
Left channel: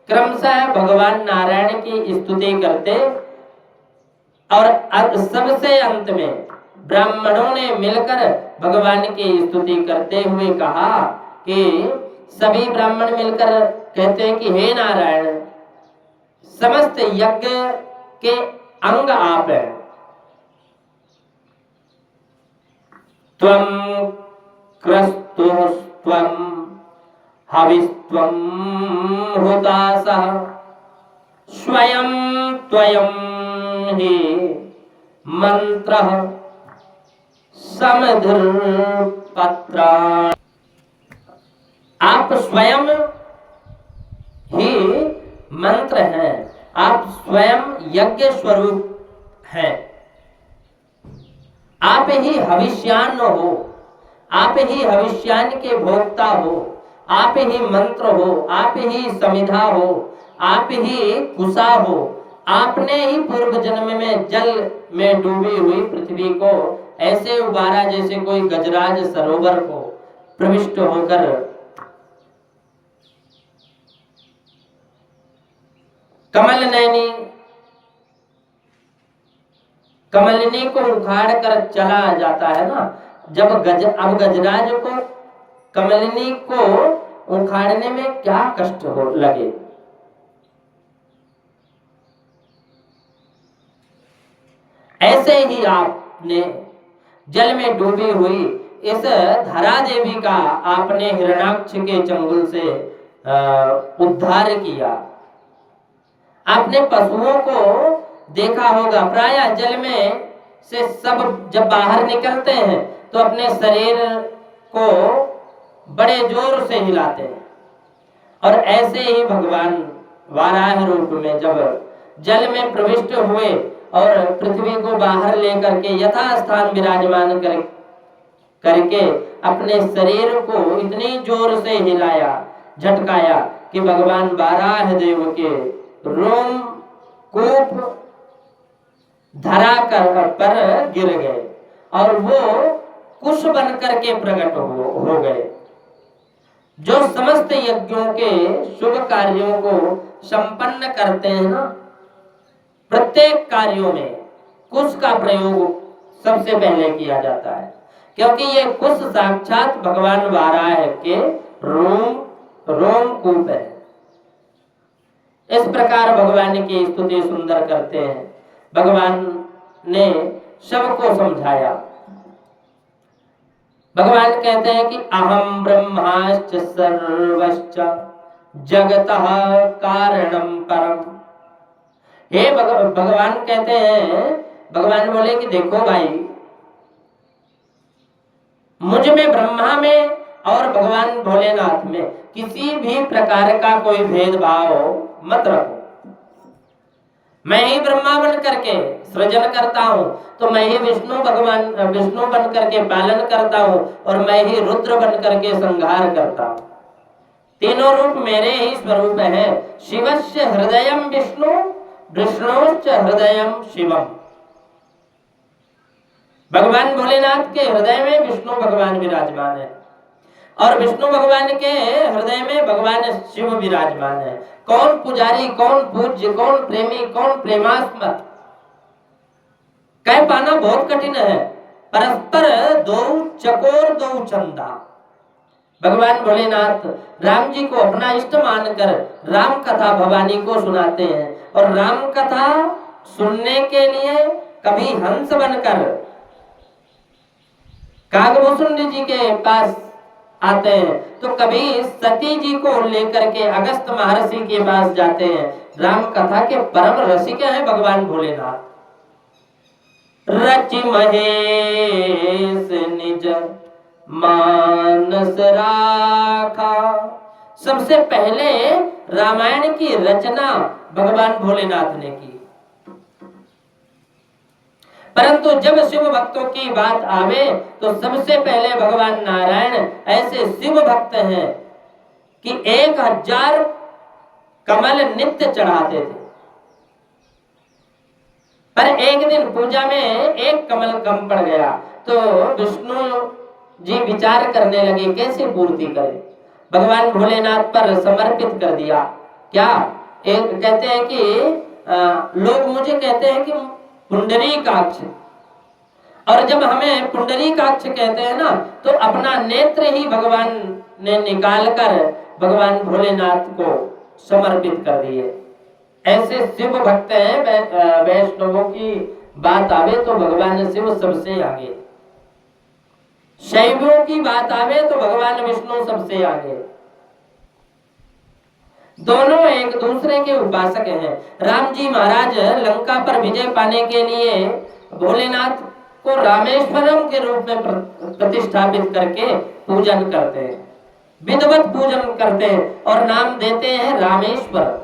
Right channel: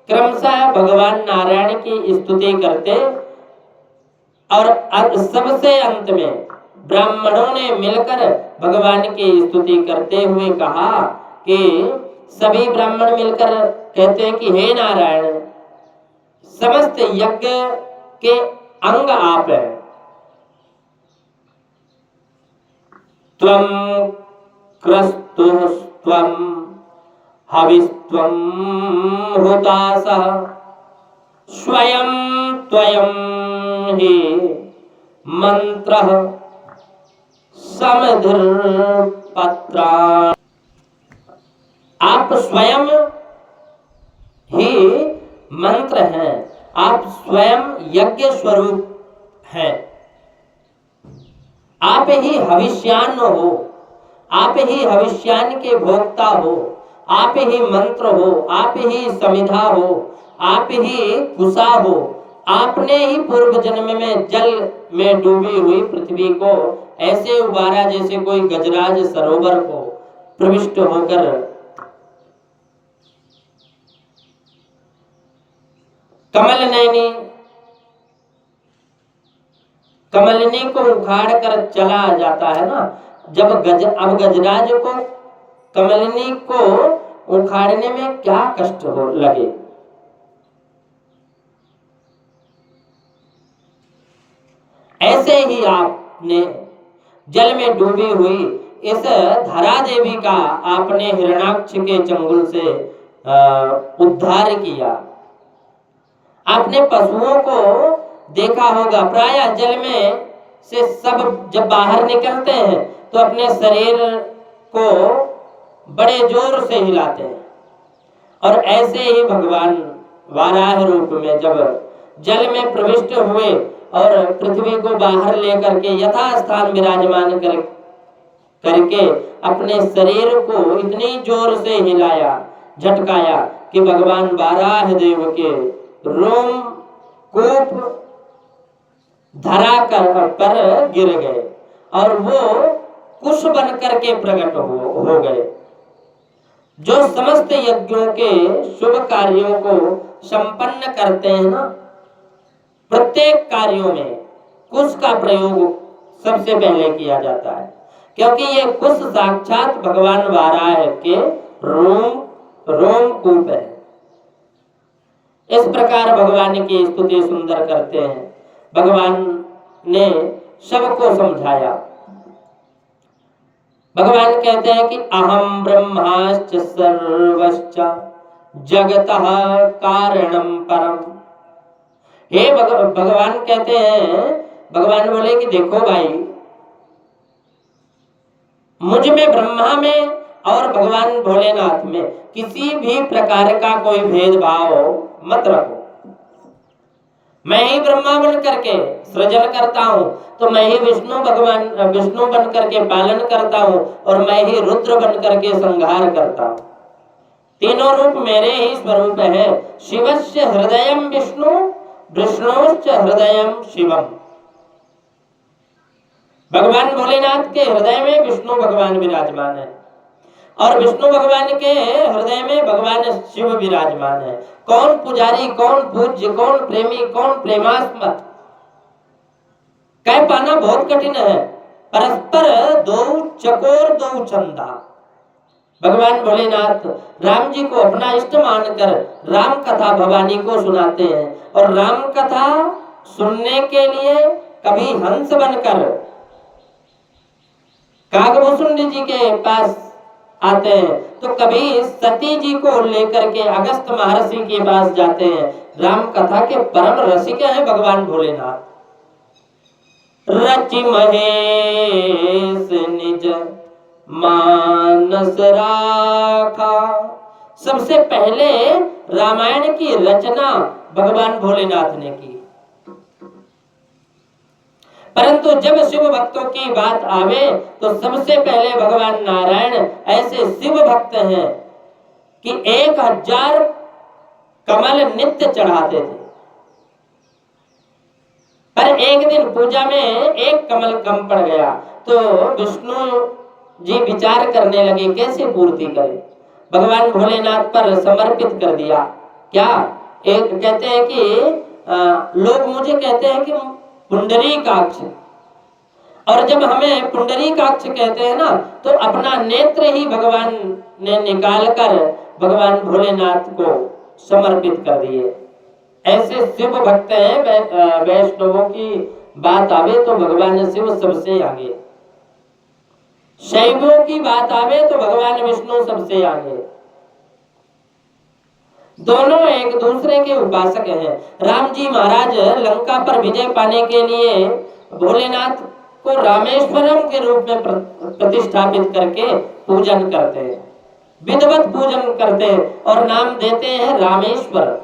क्रमशः भगवान नारायण की स्तुति करते और सबसे अंत में ब्राह्मणों ने मिलकर भगवान की स्तुति करते हुए कहा कि सभी ब्राह्मण मिलकर कहते हैं कि हे नारायण, समस्त यज्ञ के अंग आप हैं। त्वं क्रस्तुस्त्वं हविस्त्वं हुतासः स्वयं त्वयं हि मंत्रः समधिर्पत्राणि। आप स्वयं ही मंत्र हैं, आप स्वयं यज्ञ स्वरूप हैं, आप ही हविष्यान्न हो, आप ही हविष्यान्न के भोक्ता हो, आप ही मंत्र हो, आप ही समिधा हो, आप ही कुशा हो। आपने ही पूर्व जन्म में जल में डूबी हुई पृथ्वी को ऐसे उबारा जैसे कोई गजराज सरोवर को प्रविष्ट होकर कमल नैनी कमलिनी को उखाड़ कर चला जाता है ना। जब अब गजराज को कमलिनी को उखाड़ने में क्या कष्ट हो लगे, ऐसे ही आपने जल में डूबी हुई इस धरा देवी का आपने हिरण्याक्ष के चंगुल से उद्धार किया। आपने पशुओं को देखा होगा, प्रायः जल में से सब जब बाहर निकलते हैं तो अपने शरीर को बड़े जोर से हिलाते हैं और ऐसे ही भगवान वाराह रूप में जब जल में प्रविष्ट हुए और पृथ्वी को बाहर लेकर के यथास्थान विराजमान करके अपने शरीर को इतनी जोर से हिलाया झटकाया कि भगवान वाराह देव के रोम कूप धरा पर गिर गए और वो कुश बन करके प्रकट हो गए, जो समस्त यज्ञों के शुभ कार्यों को संपन्न करते हैं ना। प्रत्येक कार्यों में कुश का प्रयोग सबसे पहले किया जाता है, क्योंकि ये कुश साक्षात भगवान वाराह के रोम कूप है। इस प्रकार भगवान की स्तुति सुंदर करते हैं। भगवान ने सबको समझाया। भगवान कहते हैं कि अहम ब्रह्माश्च सर्वश्च जगतः कारणम परम। हे भगवान कहते हैं, भगवान बोले कि देखो भाई, मुझ में ब्रह्मा में और भगवान भोलेनाथ में किसी भी प्रकार का कोई भेदभाव मत रखो। मैं ही ब्रह्मा बन करके सृजन करता हूँ, तो मैं ही विष्णु बन करके पालन करता हूँ और मैं ही रुद्र बन करके संहार करता हूँ। तीनों रूप मेरे ही स्वरूप है। शिवस्य हृदयम विष्णु विष्णुश्च हृदयम शिवम। भगवान भोलेनाथ के हृदय में विष्णु भगवान विराजमान है और विष्णु भगवान के हृदय में भगवान शिव विराजमान है। कौन पुजारी, कौन पूज्य, कौन प्रेमी, कौन प्रेमास्पद, कह पाना बहुत कठिन है। परस्पर दो चकोर दो चंदा। भगवान भोलेनाथ राम जी को अपना इष्ट मानकर राम कथा भवानी को सुनाते हैं और राम कथा सुनने के लिए कभी हंस बनकर कागभूषुंड जी के पास आते हैं, तो कभी सती जी को लेकर के अगस्त महर्षि के पास जाते हैं। राम कथा के परम रसिक हैं भगवान भोलेनाथ। रचि महेश निज मानस राखा। सबसे पहले रामायण की रचना भगवान भोलेनाथ ने की, परंतु जब शिव भक्तों की बात आवे तो सबसे पहले भगवान नारायण ऐसे शिव भक्त हैं कि 1000 कमल नित्य चढ़ाते थे, पर एक दिन पूजा में एक कमल कम पड़ गया तो विष्णु जी विचार करने लगे कैसे पूर्ति करें। भगवान भोलेनाथ पर समर्पित कर दिया। क्या एक कहते हैं कि लोग मुझे कहते हैं कि पुंडरीकाक्ष, और जब हमें पुंडरीकाक्ष कहते हैं ना तो अपना नेत्र ही भगवान ने निकाल कर भगवान भोलेनाथ को समर्पित कर दिए। ऐसे शिव भक्त हैं। वैष्णवों की बात आवे तो भगवान शिव सबसे आगे, शैवों की बात आवे तो भगवान विष्णु सबसे आगे। दोनों एक दूसरे के उपासक हैं। राम जी महाराज लंका पर विजय पाने के लिए भोलेनाथ को रामेश्वरम के रूप में प्रतिष्ठापित करके पूजन करते हैं, विधिवत पूजन करते हैं और नाम देते हैं रामेश्वर।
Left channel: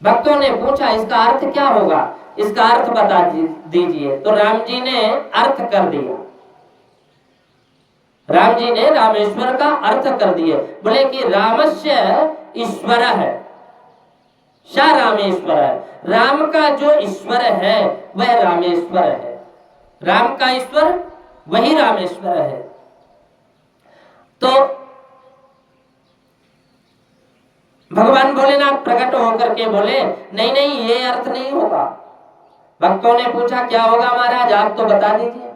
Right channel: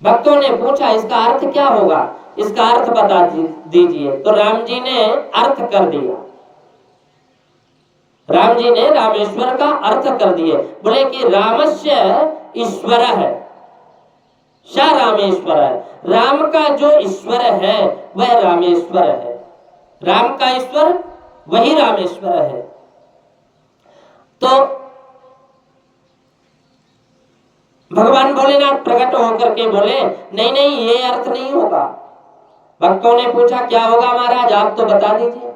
भक्तों ने पूछा इसका अर्थ क्या होगा, इसका अर्थ बता दीजिए। तो राम जी ने अर्थ कर दिया, राम जी ने रामेश्वर का अर्थ कर दिए। बोले कि रामस्य ईश्वर है, सा रामेश्वर है। राम का जो ईश्वर है वह रामेश्वर है, राम का ईश्वर वही रामेश्वर है। तो भगवान भोलेनाथ प्रकट होकर के बोले नहीं नहीं ये अर्थ नहीं होगा। भक्तों ने पूछा क्या होगा महाराज, आप तो बता दीजिए।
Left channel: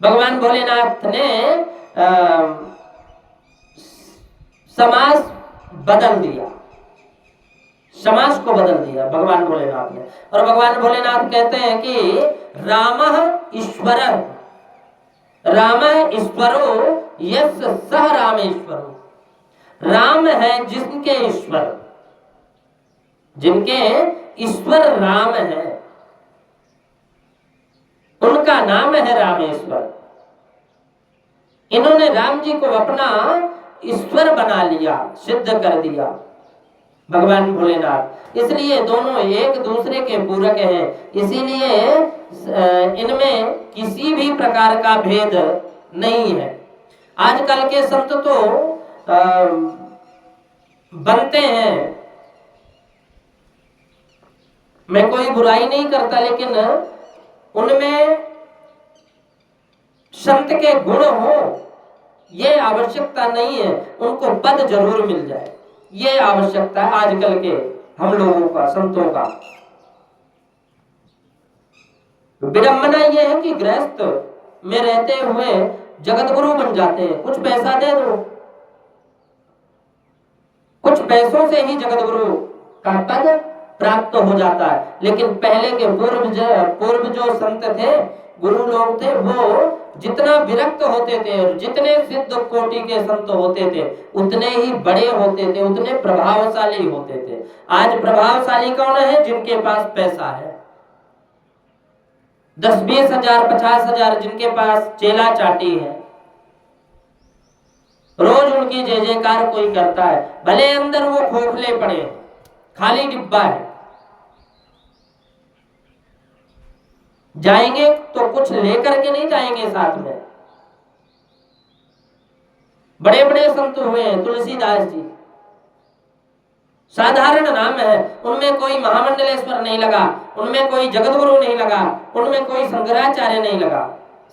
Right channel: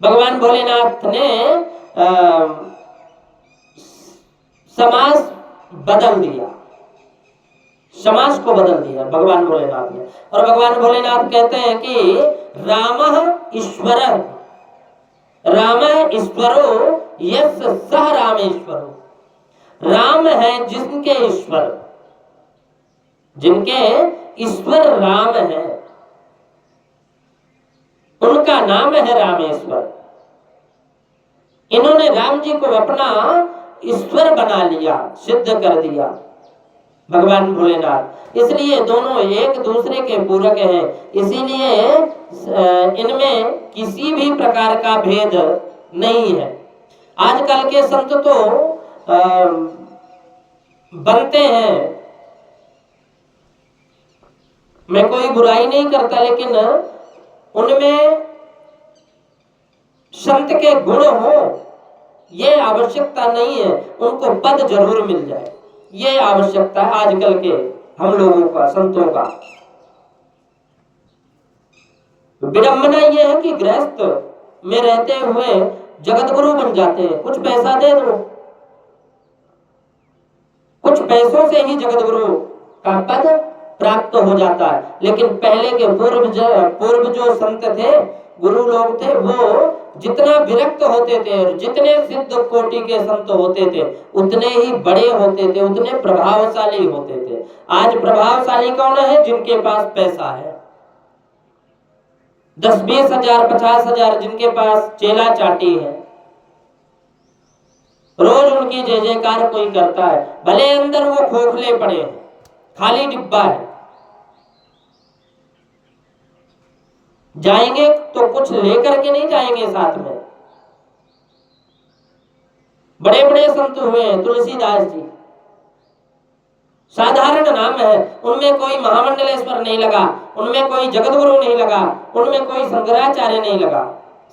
भगवान भोलेनाथ ने समास बदल दिया, समास को बदल दिया भगवान भोलेनाथ ने। और भगवान भोलेनाथ कहते हैं कि रामः ईश्वरः, रामः ईश्वरो यस्य सः रामेश्वरो। राम है जिनके ईश्वर, जिनके ईश्वर राम है उनका नाम है रामेश्वर। इन्होंने राम जी को अपना ईश्वर बना लिया, सिद्ध कर दिया भगवान भोलेनाथ। इसलिए दोनों एक दूसरे के पूरक हैं, इसीलिए इनमें किसी भी प्रकार का भेद नहीं है। आजकल के संत तो बनते हैं, मैं कोई बुराई नहीं करता, लेकिन उनमें संत के गुण हो ये आवश्यकता नहीं है, उनको पद जरूर मिल जाए ये आवश्यकता है आजकल के हम लोगों का, संतों का। विडंबना ये है कि गृहस्थ में रहते हुए जगत गुरु बन जाते हैं। कुछ पैसा दे दो, कुछ पैसों से ही जगत गुरु का पद प्राप्त हो जाता है। लेकिन पहले के पूर्व जो संत थे, गुरु लोग थे, वो जितना विरक्त होते थे और जितने सिद्ध कोटि के संत होते थे उतने ही बड़े होते थे, उतने प्रभावशाली होते थे। आज प्रभावशाली कौन है? जिनके पास पैसा है, 10-20 हजार 50 हजार जिनके पास चेला चाटी है, रोज उनकी जय जयकार कोई करता है, भले अंदर वो खोखले पड़े हैं, खाली डिब्बा है। जाएंगे तो कुछ लेकर के नहीं जाएंगे साथ में। बड़े बड़े संत हुए हैं, तुलसीदास जी साधारण नाम है, उनमें कोई महामंडलेश्वर नहीं लगा, उनमें कोई जगत गुरु नहीं लगा, उनमें कोई शंकराचार्य नहीं लगा।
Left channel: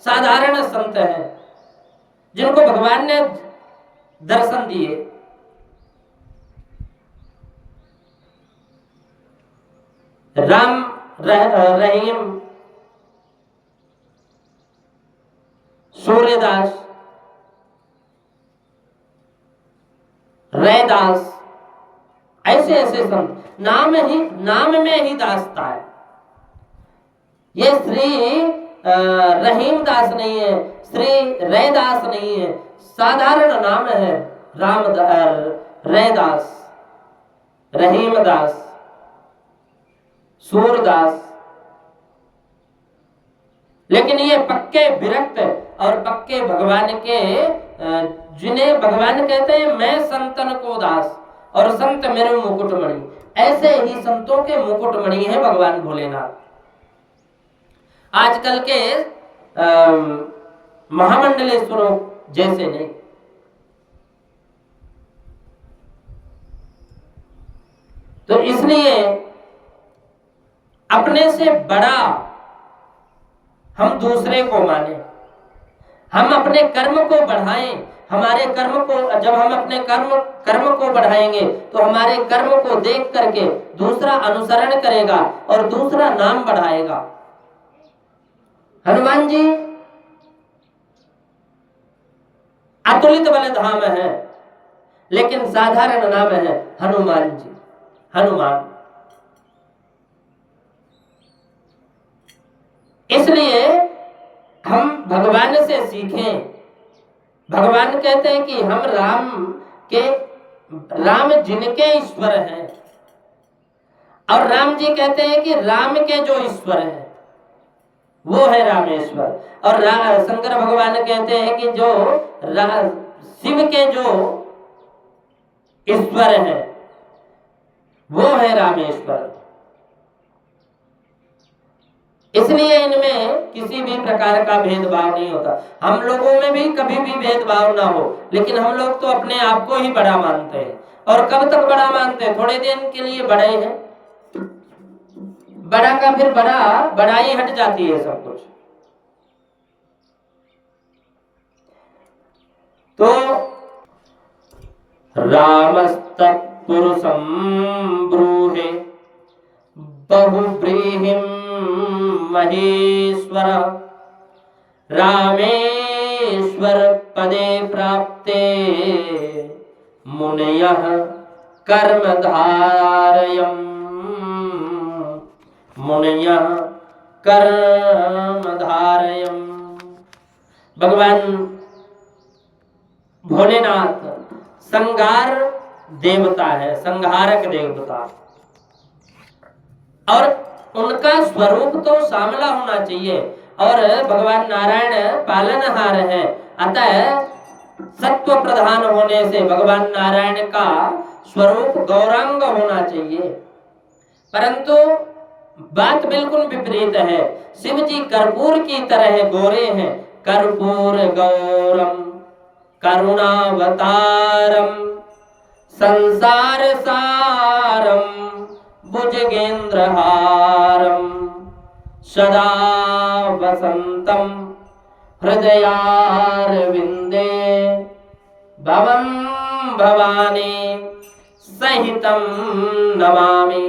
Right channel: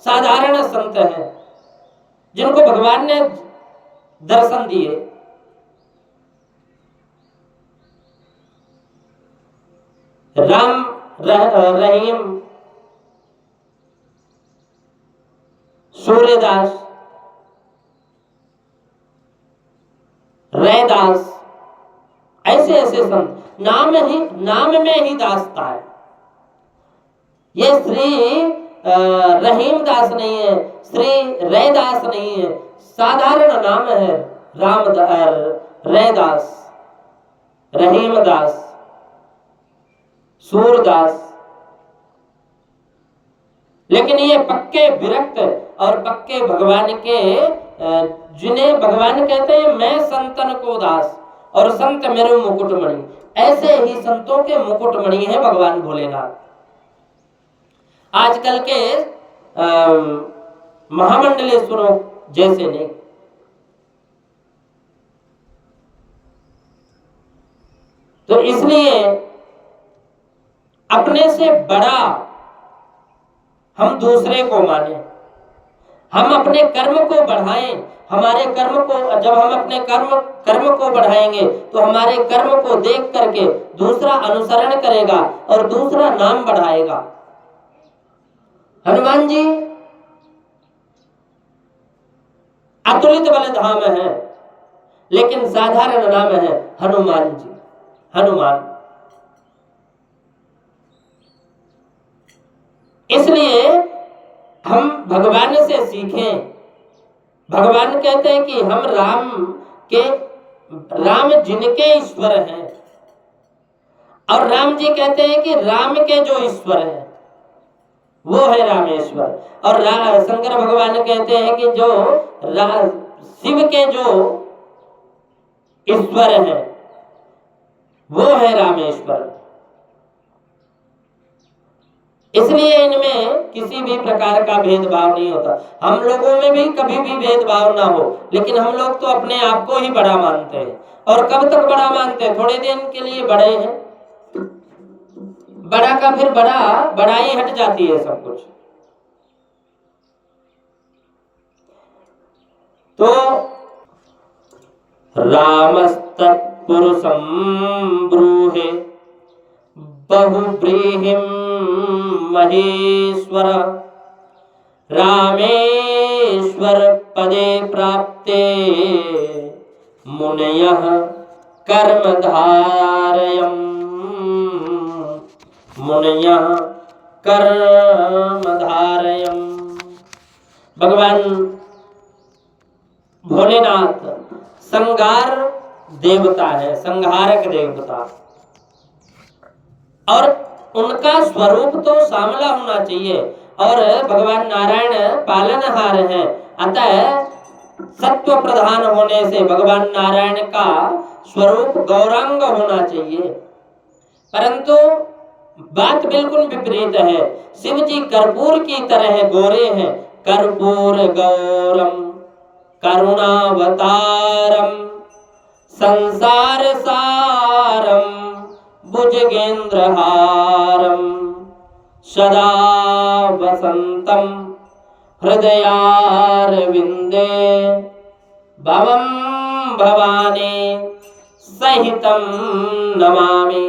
साधारण संत हैं जिनको भगवान ने दर्शन दिए। राम रहीम सूर्यदास, रैदास, ऐसे ऐसे संत, नाम में ही दासता है। ये श्री रहीम दास नहीं है, श्री रैदास नहीं है, साधारण नाम है रैदास, रहीमदास, सूरदास, लेकिन ये पक्के विरक्त और पक्के भगवान के जिन्हें भगवान कहते हैं मैं संतन को दास और संत मेरे मुकुटमणि, ऐसे ही संतों के मुकुटमणि है भगवान भोलेनाथ। आजकल के महामंडलेश्वरों जैसे नहीं। तो इसलिए अपने से बड़ा हम दूसरे को माने, हम अपने कर्म को बढ़ाएं। हमारे कर्म को जब हम अपने कर्म को बढ़ाएंगे तो हमारे कर्म को देख करके दूसरा अनुसरण करेगा और दूसरा नाम बढ़ाएगा। हनुमान जी अतुलित बल धाम है, लेकिन साधारण नाम है हनुमान जी, हनुमान। इसलिए हम भगवान से सीखें। भगवान कहते हैं कि हम राम जिनके ईश्वर हैं, और राम जी कहते हैं कि राम के जो ईश्वर हैं वो है रामेश्वर। और शंकर भगवान कहते हैं कि जो शिव के जो ईश्वर हैं वो है रामेश्वर। इसलिए इनमें किसी भी प्रकार का भेदभाव नहीं होता। हम लोगों में भी कभी भी भेदभाव ना हो, लेकिन हम लोग तो अपने आप को ही बड़ा मानते हैं। और कब तक बड़ा मानते हैं? थोड़े दिन के लिए बड़े हैं, बड़ा का फिर बड़ाई हट जाती है सब कुछ। तो रामस्तत्पुरुषं ब्रूहे बहुव्रीहिं महेश्वर, रामेश्वर पदे प्राप्ते मुनयः कर्मधारयम्, मुनयः कर्मधारयम्। भगवान भोलेनाथ संहार देवता है, संहारक देवता, और उनका स्वरूप तो श्यामला होना चाहिए। और भगवान नारायण पालनहार है, अतः सत्व प्रधान होने से भगवान नारायण का स्वरूप गौरांग होना चाहिए। परंतु बात बिल्कुल विपरीत है। शिव जी कर्पूर की तरह गोरे हैं। कर्पूर गौरम करुणावतारम संसार सारम भुजगेंद्रहारम सदा वसंतम हृदयारविंदे भवं भवानी सहितम नमामि।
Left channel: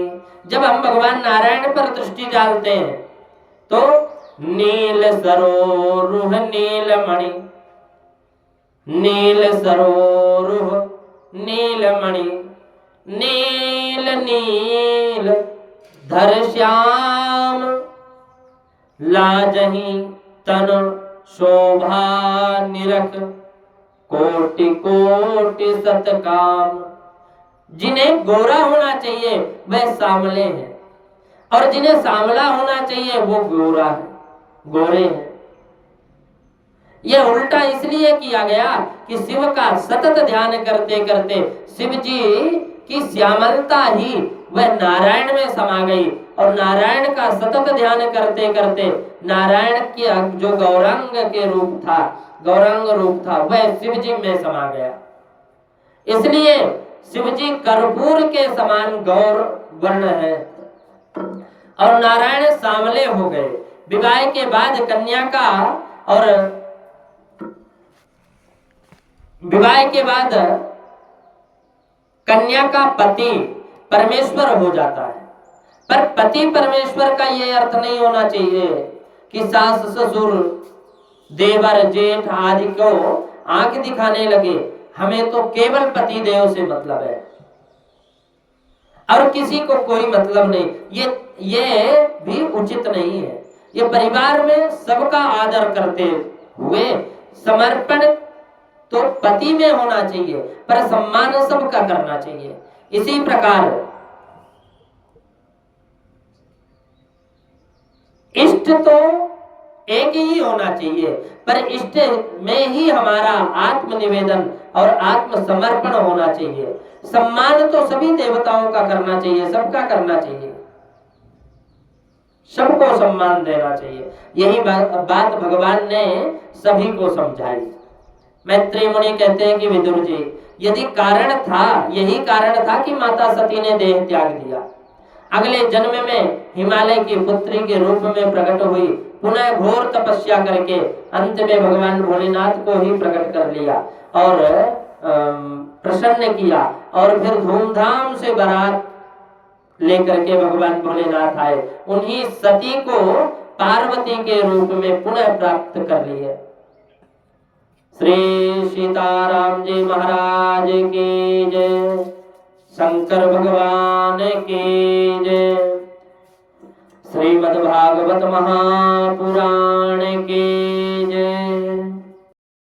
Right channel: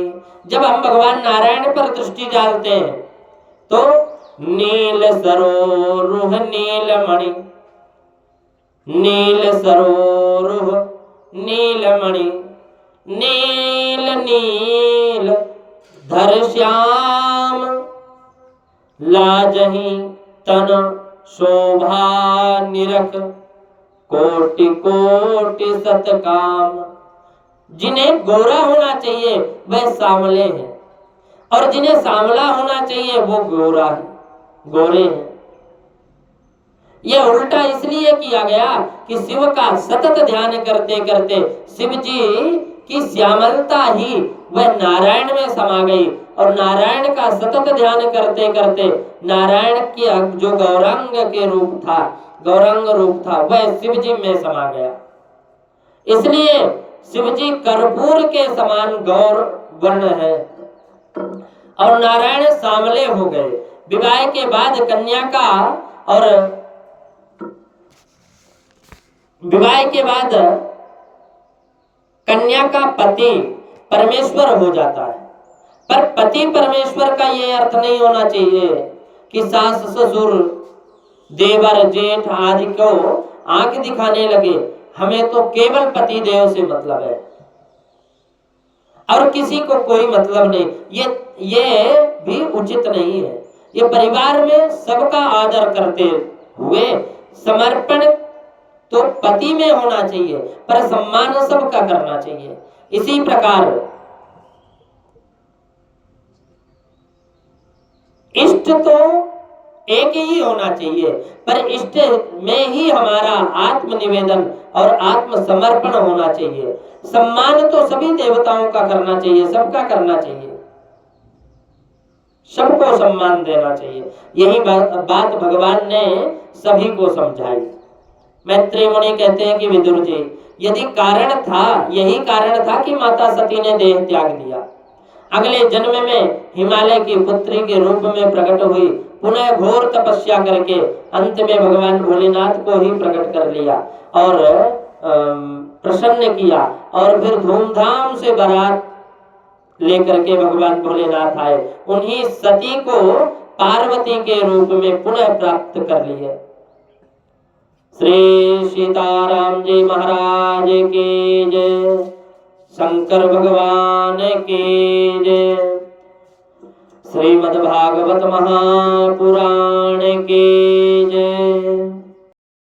जब हम भगवान नारायण पर दृष्टि डालते हैं तो नील सरोरुह नीलमणि, नील सरोरुह नीलमणि, नील नील धर श्याम, लाजहि तन शोभा निरख, कोटि कोटि सतकाम। जिन्हें गोरा होना चाहिए वह सांवले हैं, और जिन्हें सांवला होना चाहिए वो गोरा है, गोरे हैं। यह उल्टा इसलिए किया गया कि शिव का सतत ध्यान करते करते शिव जी की श्यामलता ही वह नारायण में समा गई, और नारायण का सतत ध्यान करते करते नारायण की जो गौरांग के रूप था, गौरांग रूप था, वह शिव जी में समा गया। इसलिए शिव जी कर्पूर के समान गौर वर्ण है और नारायण सांवले हो गए। विवाह के बाद कन्या का और विवाह के बाद कन्या का पति परमेश्वर हो जाता है। पर पति परमेश्वर का यह अर्थ नहीं होना चाहिए कि सास ससुर देवर जेठ आदि को आंख दिखाने लगे। हमें तो केवल पति देव से मतलब है और किसी को कोई मतलब नहीं। ये भी उचित नहीं है। ये परिवार में सबका आदर करते हुए समर्पण तो पति में होना चाहिए, पर सम्मान सबका करना चाहिए। इसी प्रकार इष्ट तो एक ही होना चाहिए, पर इष्ट में ही हमारा आत्मनिवेदन और आत्मसमर्पण होना चाहिए। सम्मान तो सभी देवताओं का करना चाहिए, सबका करना चाहिए, सबको सम्मान देना चाहिए। यही बात भगवान ने सभी को समझाई। मैत्रेय मुनि कहते हैं कि विदुर जी, यदि कारण था, यही कारण था कि माता सती ने देह त्याग दिया, अगले जन्म में हिमालय की पुत्री के रूप में प्रकट हुई, पुनः घोर तपस्या करके अंत में भगवान भोलेनाथ को ही प्रकट कर लिया और प्रसन्न किया, और फिर धूमधाम से बारात लेकर के भगवान भोलेनाथ आए, उन्हीं सती को पार्वती के रूप में पुनः प्राप्त कर लिए। श्री सीताराम जी महाराज की जय, शंकर भगवान की जय, श्रीमद्भागवत महापुराण की जय।